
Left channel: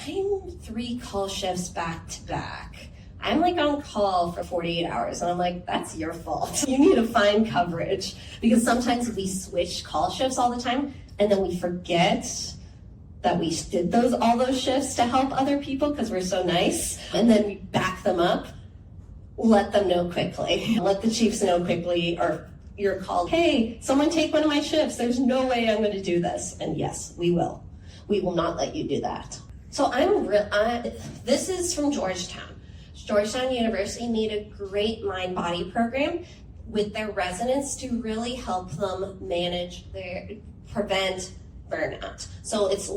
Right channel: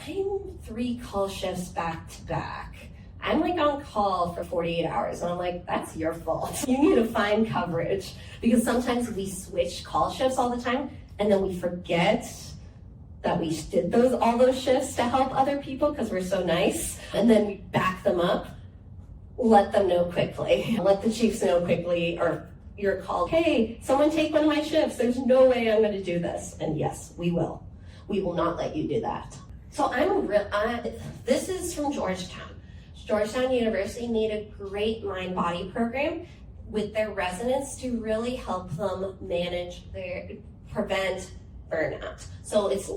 I'm 3 call shifts back to back. I'm like on call for 48 hours. And I'm like, that's your fault. You need to find coverage, because sometimes we switch call shifts all the time and then we forget that we did all those shifts to help other people because we're so nice. And then we back them up. Let them know quickly. Let the chiefs know quickly, or you're called, hey, someone take one of my shifts. There's no way I'm going to do this. And yes, we will. We will not let you do that. So this is from Georgetown. Georgetown University made a great mind-body program with their residents to really help them prevent burnout. So it's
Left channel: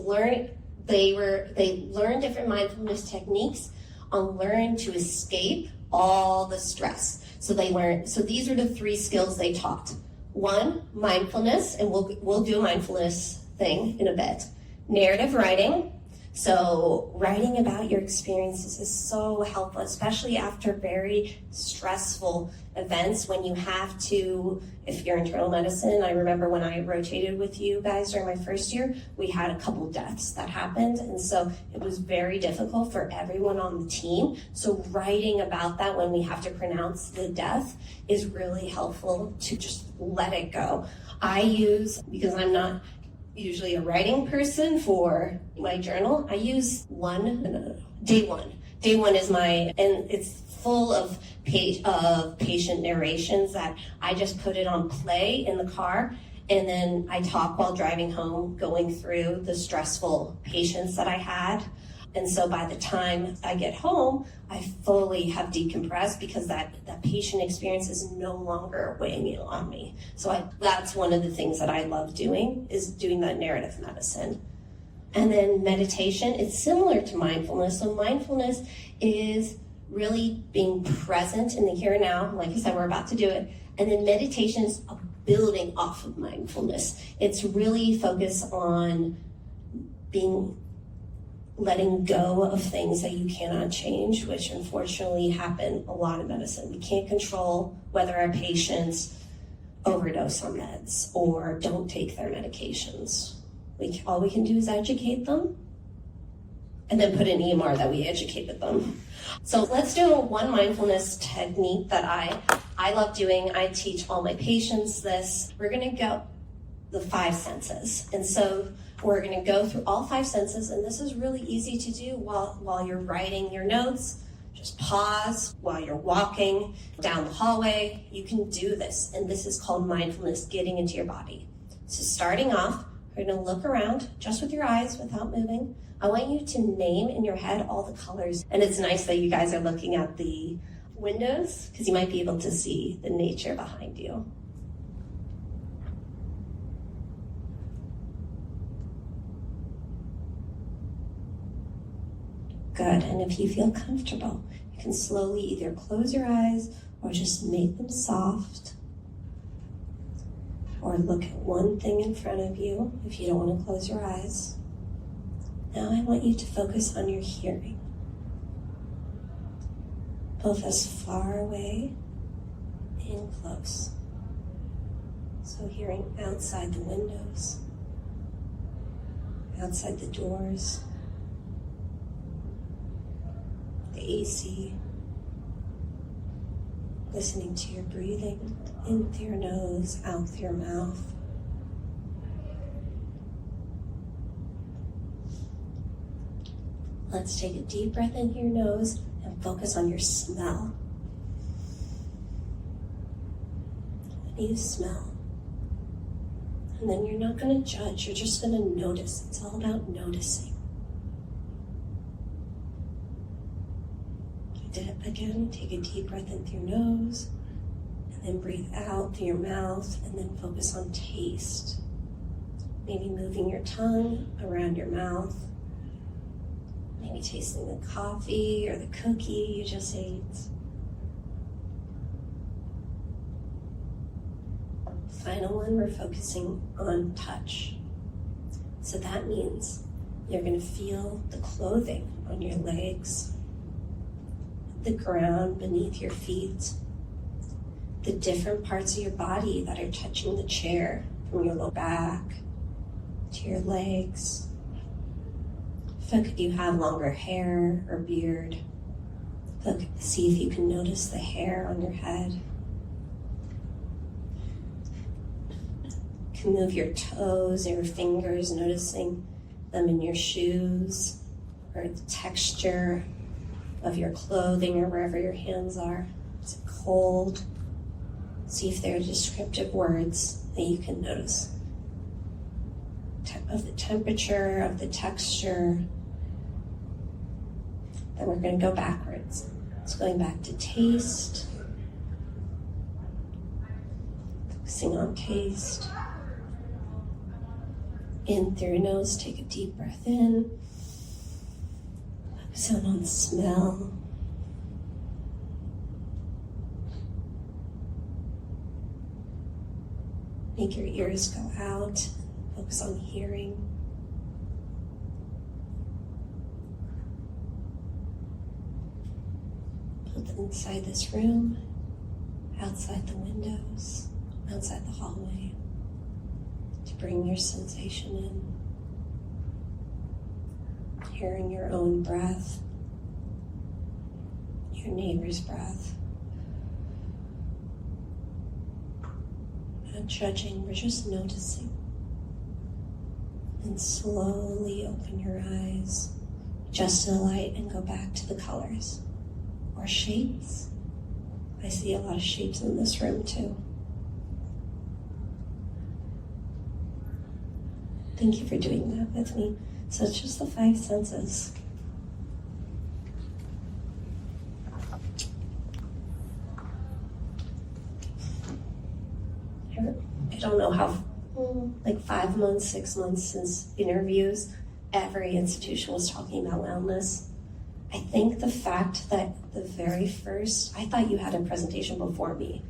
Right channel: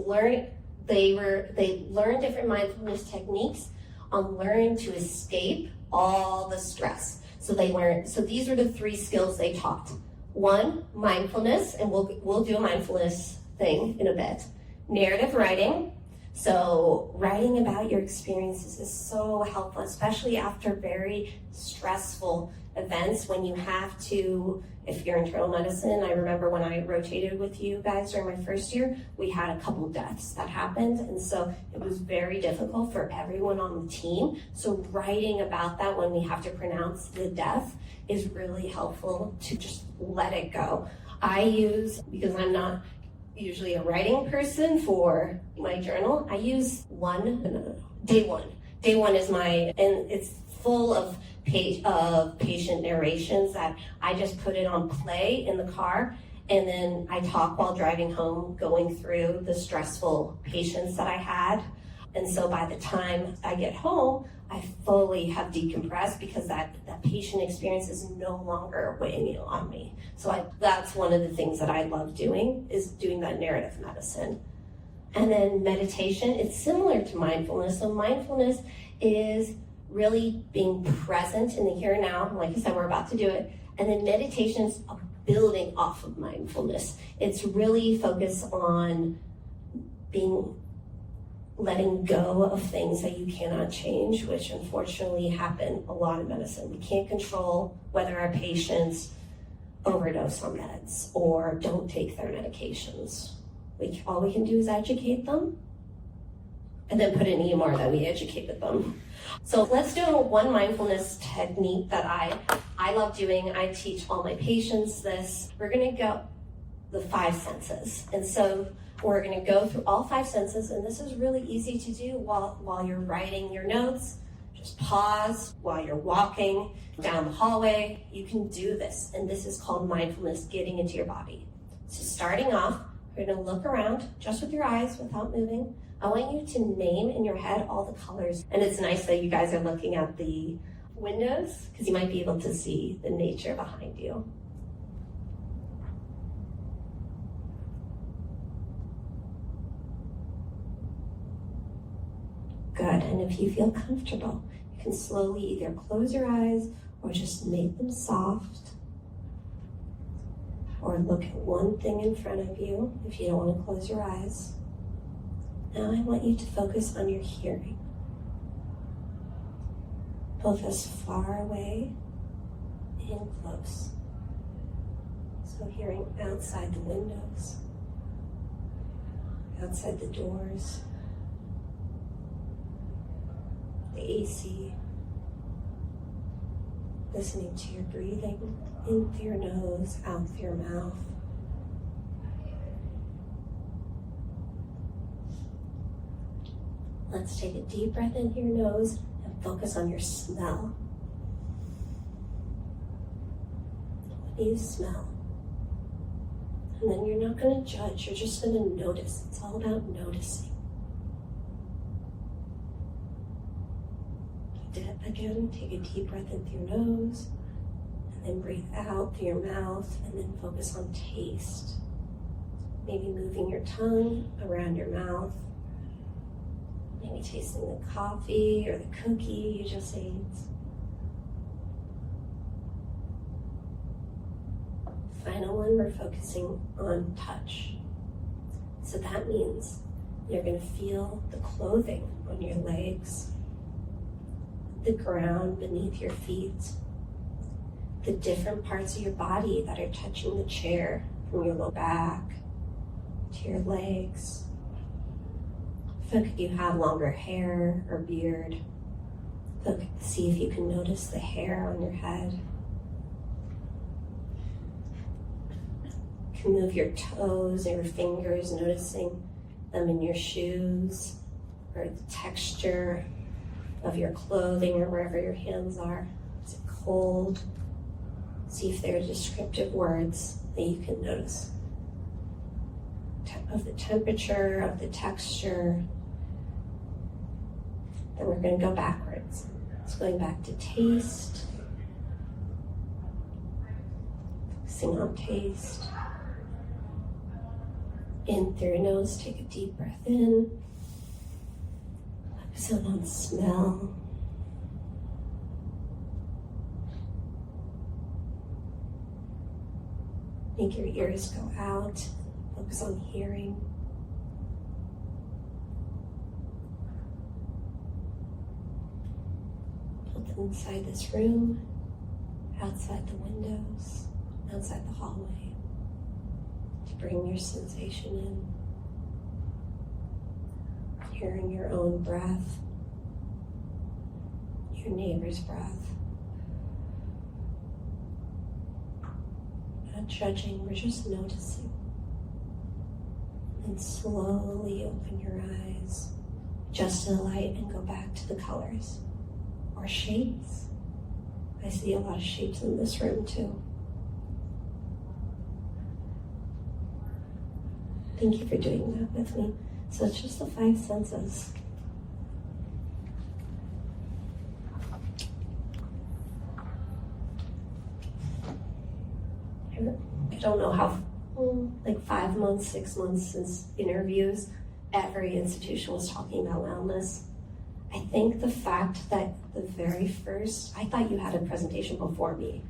they learned different mindfulness techniques on learn to escape all the stress. So these are the 3 skills they taught. 1, mindfulness, and we'll do a mindfulness thing in a bit. Narrative writing. So writing about your experiences is so helpful, especially after very stressful events when you have to, if you're internal medicine, I remember when I rotated with you guys during my first year, we had a couple deaths that happened. And so it was very difficult for everyone on the team. So writing about that when we have to pronounce the death is really helpful to just let it go. Because I'm not usually a writing person for my journal, I use day one. Day one is and it's full of patient narrations that I just put it on play in the car, and then I talk while driving home, going through the stressful patients that I had. And so by the time I get home, I fully have decompressed because that patient experience is no longer weighing on me. So that's one of the things that I love doing, is doing that narrative medicine. And then meditation, it's similar to mindfulness. So mindfulness is really being present in the here and now. Like I said, we're about to do it. And then meditation is building off of mindfulness. It's really focused on letting go of things that you cannot change, which unfortunately happen a lot in medicine. We can't control whether our patients overdose on meds or don't take their medications. All we can do is educate them and then put in EMR that we educated them. So let's do one mindfulness technique that I love doing. I teach all my patients this. We're gonna go the 5 senses. And so we're going to go through all 5 senses, and this is really easy to do while you're writing your notes. Just pause while you're walking down the hallway. You can do this, and this is called mindfulness, getting into your body. So starting off, we're going to look around just with your eyes without moving. I want you to name in your head all the colors, and it's nice that you guys are looking at the windows because you might be able to see the nature behind you. Good, and if you feel comfortable, you can slowly either close your eyes or just make them soft, or look at one thing in front of you if you don't want to close your eyes. Now I want you to focus on your hearing, both as far away and close. So hearing outside the windows, outside the doors, the AC, listening to your breathing in through your nose, out through your mouth. Let's take a deep breath in through your nose and focus on your smell. What do you smell? And then you're not going to judge, you're just going to notice. It's all about noticing. Again, take a deep breath in through your nose, and then breathe out through your mouth, and then focus on taste. Maybe moving your tongue around your mouth. Maybe tasting the coffee or the cookie you just ate. Final one, we're focusing on touch. So that means you're going to feel the clothing on your legs, the ground beneath your feet, the different parts of your body that are touching the chair, from your lower back to your legs. Look if you have longer hair or beard. Look, see if you can notice the hair on your head. You can move your toes or your fingers, noticing them in your shoes, or the texture of your clothing or wherever your hands are. Is it cold? See if there are descriptive words that you can notice. Of the temperature, of the texture. Then we're going to go backwards. It's going back to taste. Focusing on taste. In through your nose, take a deep breath in. Focus on smell. Make your ears go out. Focus on hearing. Both inside this room, outside the windows, outside the hallway, to bring your sensation in. Hearing your own breath, your neighbor's breath. Not judging, we're just noticing. And slowly open your eyes, adjust to the light, and go back to the colors or shapes. I see a lot of shapes in this room too. Thank you for doing that with me. So it's just the 5 senses. I don't know how, like 5 months, 6 months since interviews, every institution was talking about wellness. I think the fact that the very first, I thought you had a presentation before me.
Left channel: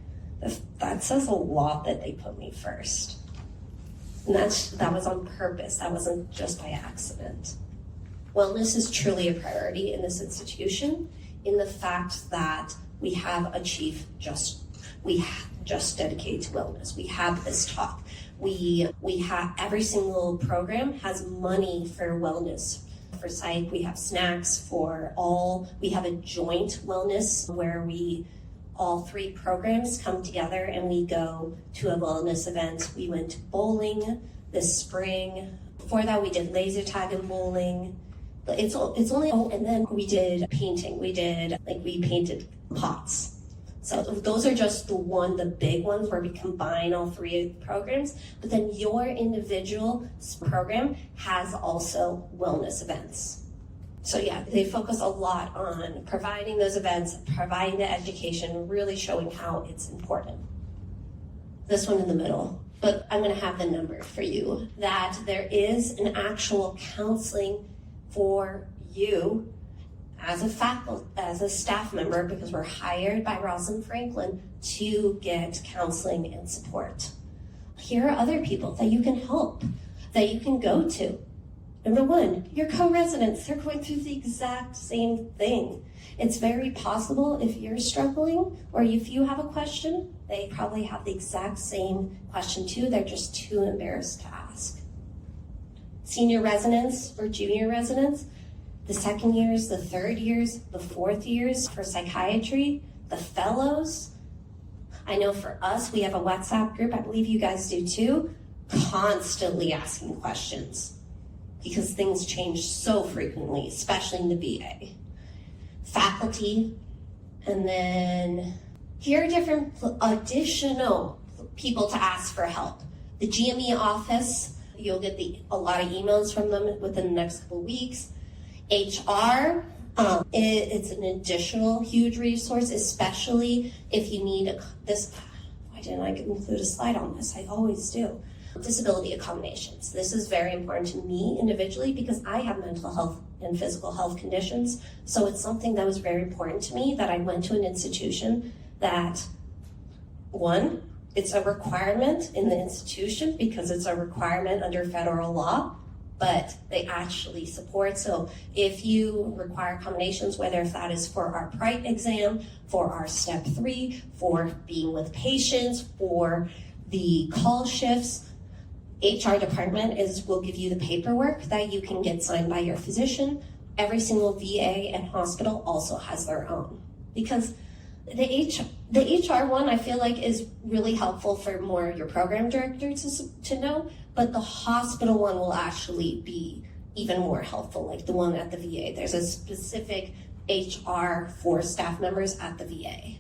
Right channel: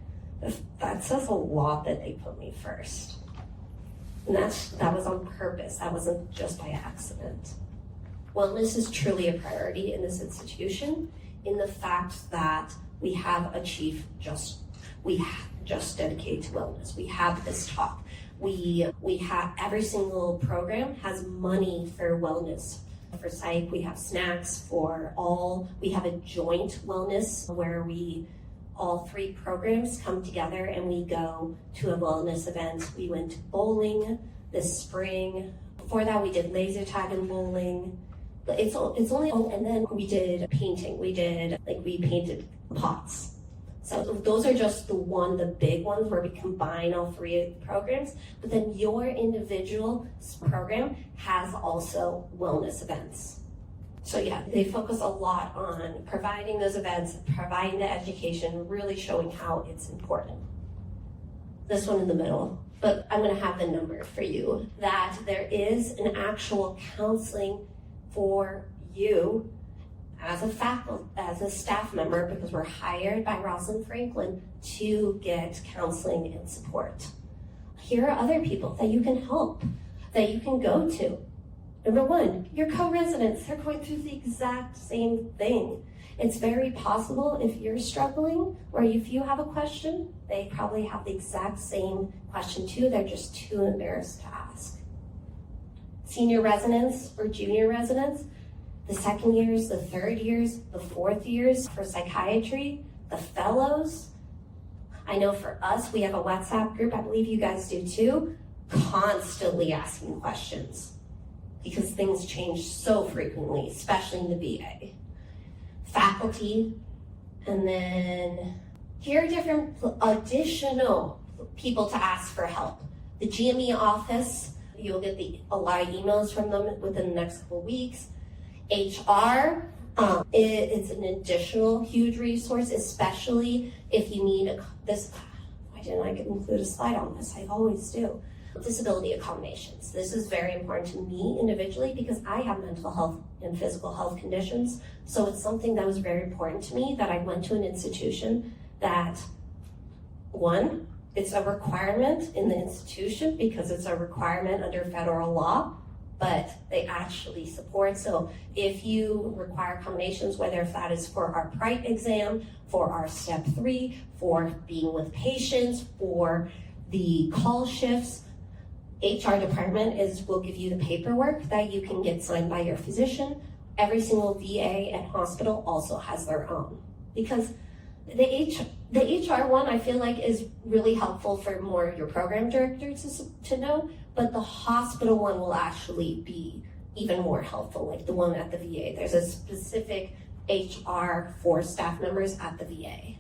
That says a lot that they put me first. And that was on purpose. That wasn't just by accident. Wellness is truly a priority in this institution, in the fact that we have a chief just dedicated to wellness. We have this talk. We have every single program has money for wellness. For psych, we have snacks for all. We have a joint wellness where all 3 programs come together and we go to a wellness event. We went bowling this spring. Before that, we did laser tag and bowling. It's only, and then we did painting. We painted pots. So those are just the big ones where we combine all 3 programs. But then your individual program has also wellness events. So yeah, they focus a lot on providing those events, providing the education, really showing how it's important. This one in the middle, but I'm gonna have the number for you, that there is an actual counseling for you as a staff member, because we're hired by Rosalind Franklin to get counseling and support. Here are other people that you can help, that you can go to. Number 1, your co-residents, they're going through the exact same thing. It's very possible if you're struggling or if you have a question, they probably have the exact same question too. They're just too embarrassed to ask. Senior residents or junior residents, the 2nd years, the 3rd years, the 4th years for psychiatry, the fellows. I know for us, we have a WhatsApp group, I believe you guys do too, constantly asking questions. because things change so frequently, especially in the VA. Faculty, and then here are different additional people to ask for help. The GME office, you'll get a lot of emails from them within the next couple of weeks. HR, it's an additional huge resource, especially if you need this. Why didn't I include a slide on this? I always do. Disability accommodations. This is very important to me individually because I have mental health and physical health conditions. So it's something that was very important to me that I went to an institution that, one, it's a requirement in the institution because it's a requirement under federal law, but they actually support. So if you require accommodations, whether if that is for our PRITE exam, for our step 3, for being with patients, for the call shifts, HR department will give you the paperwork that you can get signed by your physician. Every single VA and hospital also has their own. Because the HR one, I feel like, is really helpful for more your program director to know, but the hospital one will actually be even more helpful, like the one at the VA. There's a specific HR for staff members at the VA.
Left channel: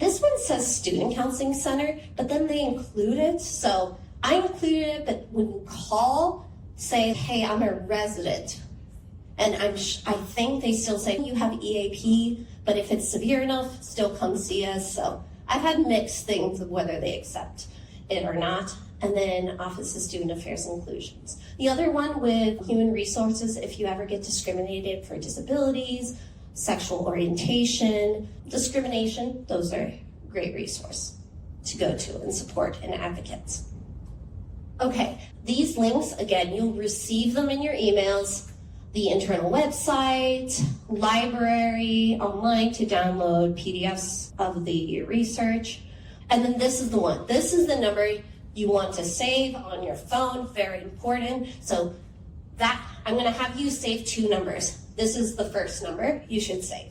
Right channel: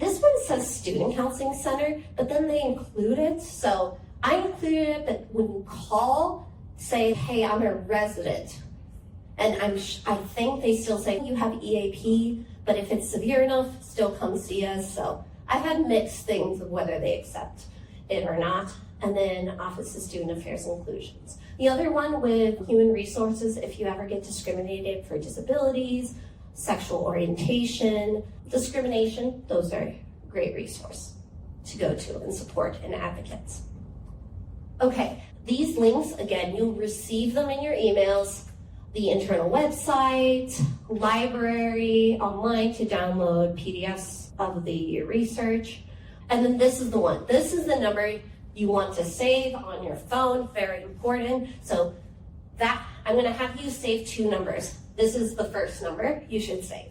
This one says Student Counseling Center, but then they include it, so I included it, but when you call, say, hey, I'm a resident, and I think they still say you have EAP, but if it's severe enough, still come see us. So I've had mixed things of whether they accept it or not. And then Office of Student Affairs Inclusions. The other one with Human Resources, if you ever get discriminated for disabilities, sexual orientation, discrimination, those are a great resource to go to and support and advocates. Okay, these links, again, you'll receive them in your emails, the internal website, library, online to download PDFs of the research. And then this is the one. This is the number you want to save on your phone, very important. So that, I'm gonna have you save 2 numbers. This is the first number you should save.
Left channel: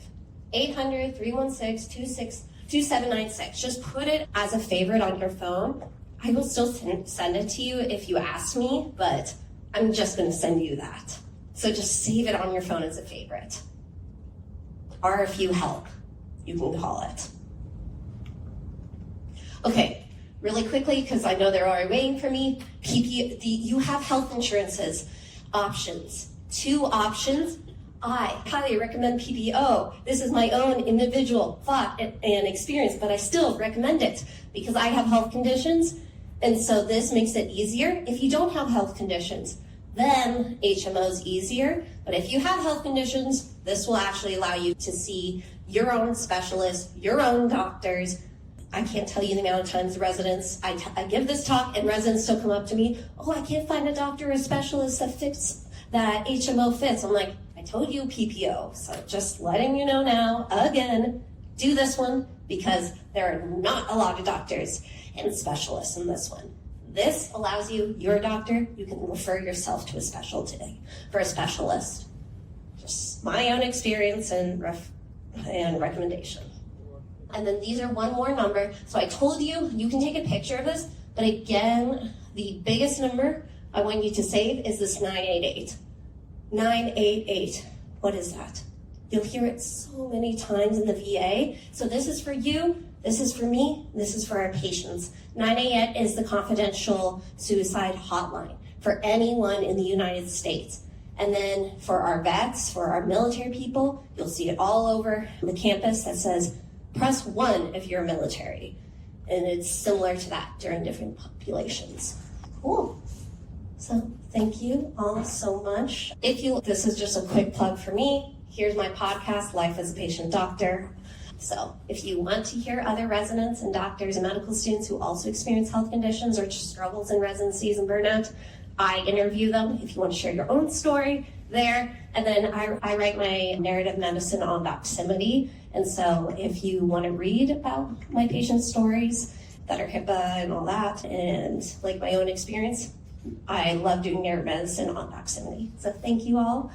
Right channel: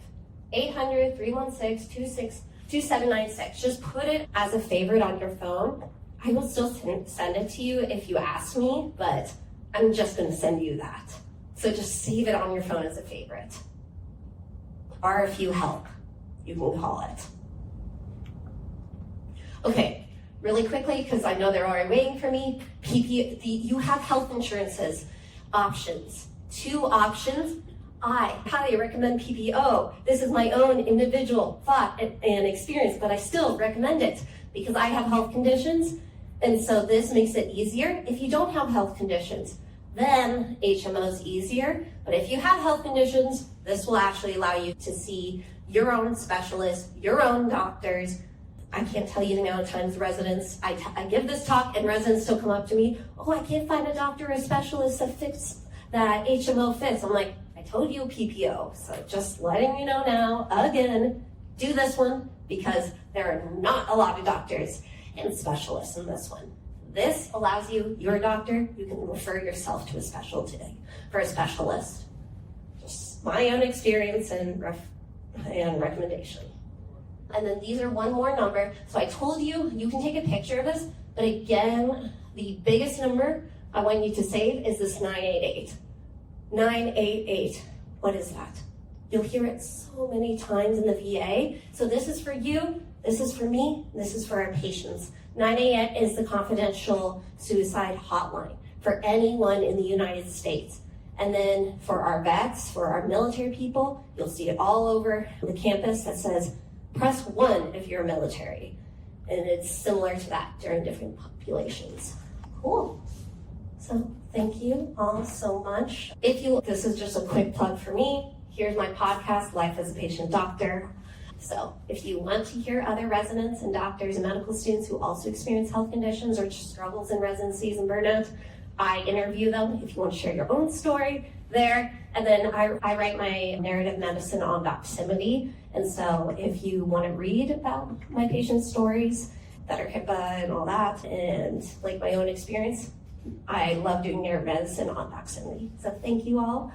800-316-2796. Just put it as a favorite on your phone. I will still send it to you if you ask me, but I'm just gonna send you that. So just save it on your phone as a favorite. Or if you help, you can call it. Okay, really quickly, because I know they're already waiting for me, you have health insurances options. 2 options. I highly recommend PPO. This is my own individual thought and experience, but I still recommend it because I have health conditions, and so this makes it easier. If you don't have health conditions, then HMO is easier, but if you have health conditions, this will actually allow you to see your own specialists, your own doctors. I can't tell you the amount of times residents, I give this talk and residents still come up to me, oh, I can't find a doctor or a specialist that HMO fits. I'm like, I told you PPO, so just letting you know now, again, do this one because there are not a lot of doctors and specialists in this one. This allows you, your doctor, you can refer yourself to a specialty for a specialist. Just my own experience and recommendation. And then these are one more number. So I told you, you can take a picture of this, but again, the biggest number I want you to save is this 988. 988, what is that? You'll hear it so many times in the VA. So this is for you, this is for me, this is for our patients. 988 is the confidential suicide hotline for anyone in the United States. And then for our vets, for our military people, you'll see it all over the campus that says, press 1 if you're military. And it's similar to that during different populations. Cool. So thank you all so much. This is just a quick plug for me. Here's my podcast, Life as a Patient Doctor. So if you want to hear other residents and doctors and medical students who also experience health conditions or struggles in residencies and burnout, I interview them. If you want to share your own story, there. And then I write my narrative medicine on doximity. And so if you want to read about my patients' stories that are HIPAA and all that, and like my own experience, I love doing narrative medicine on doximity. So thank you all.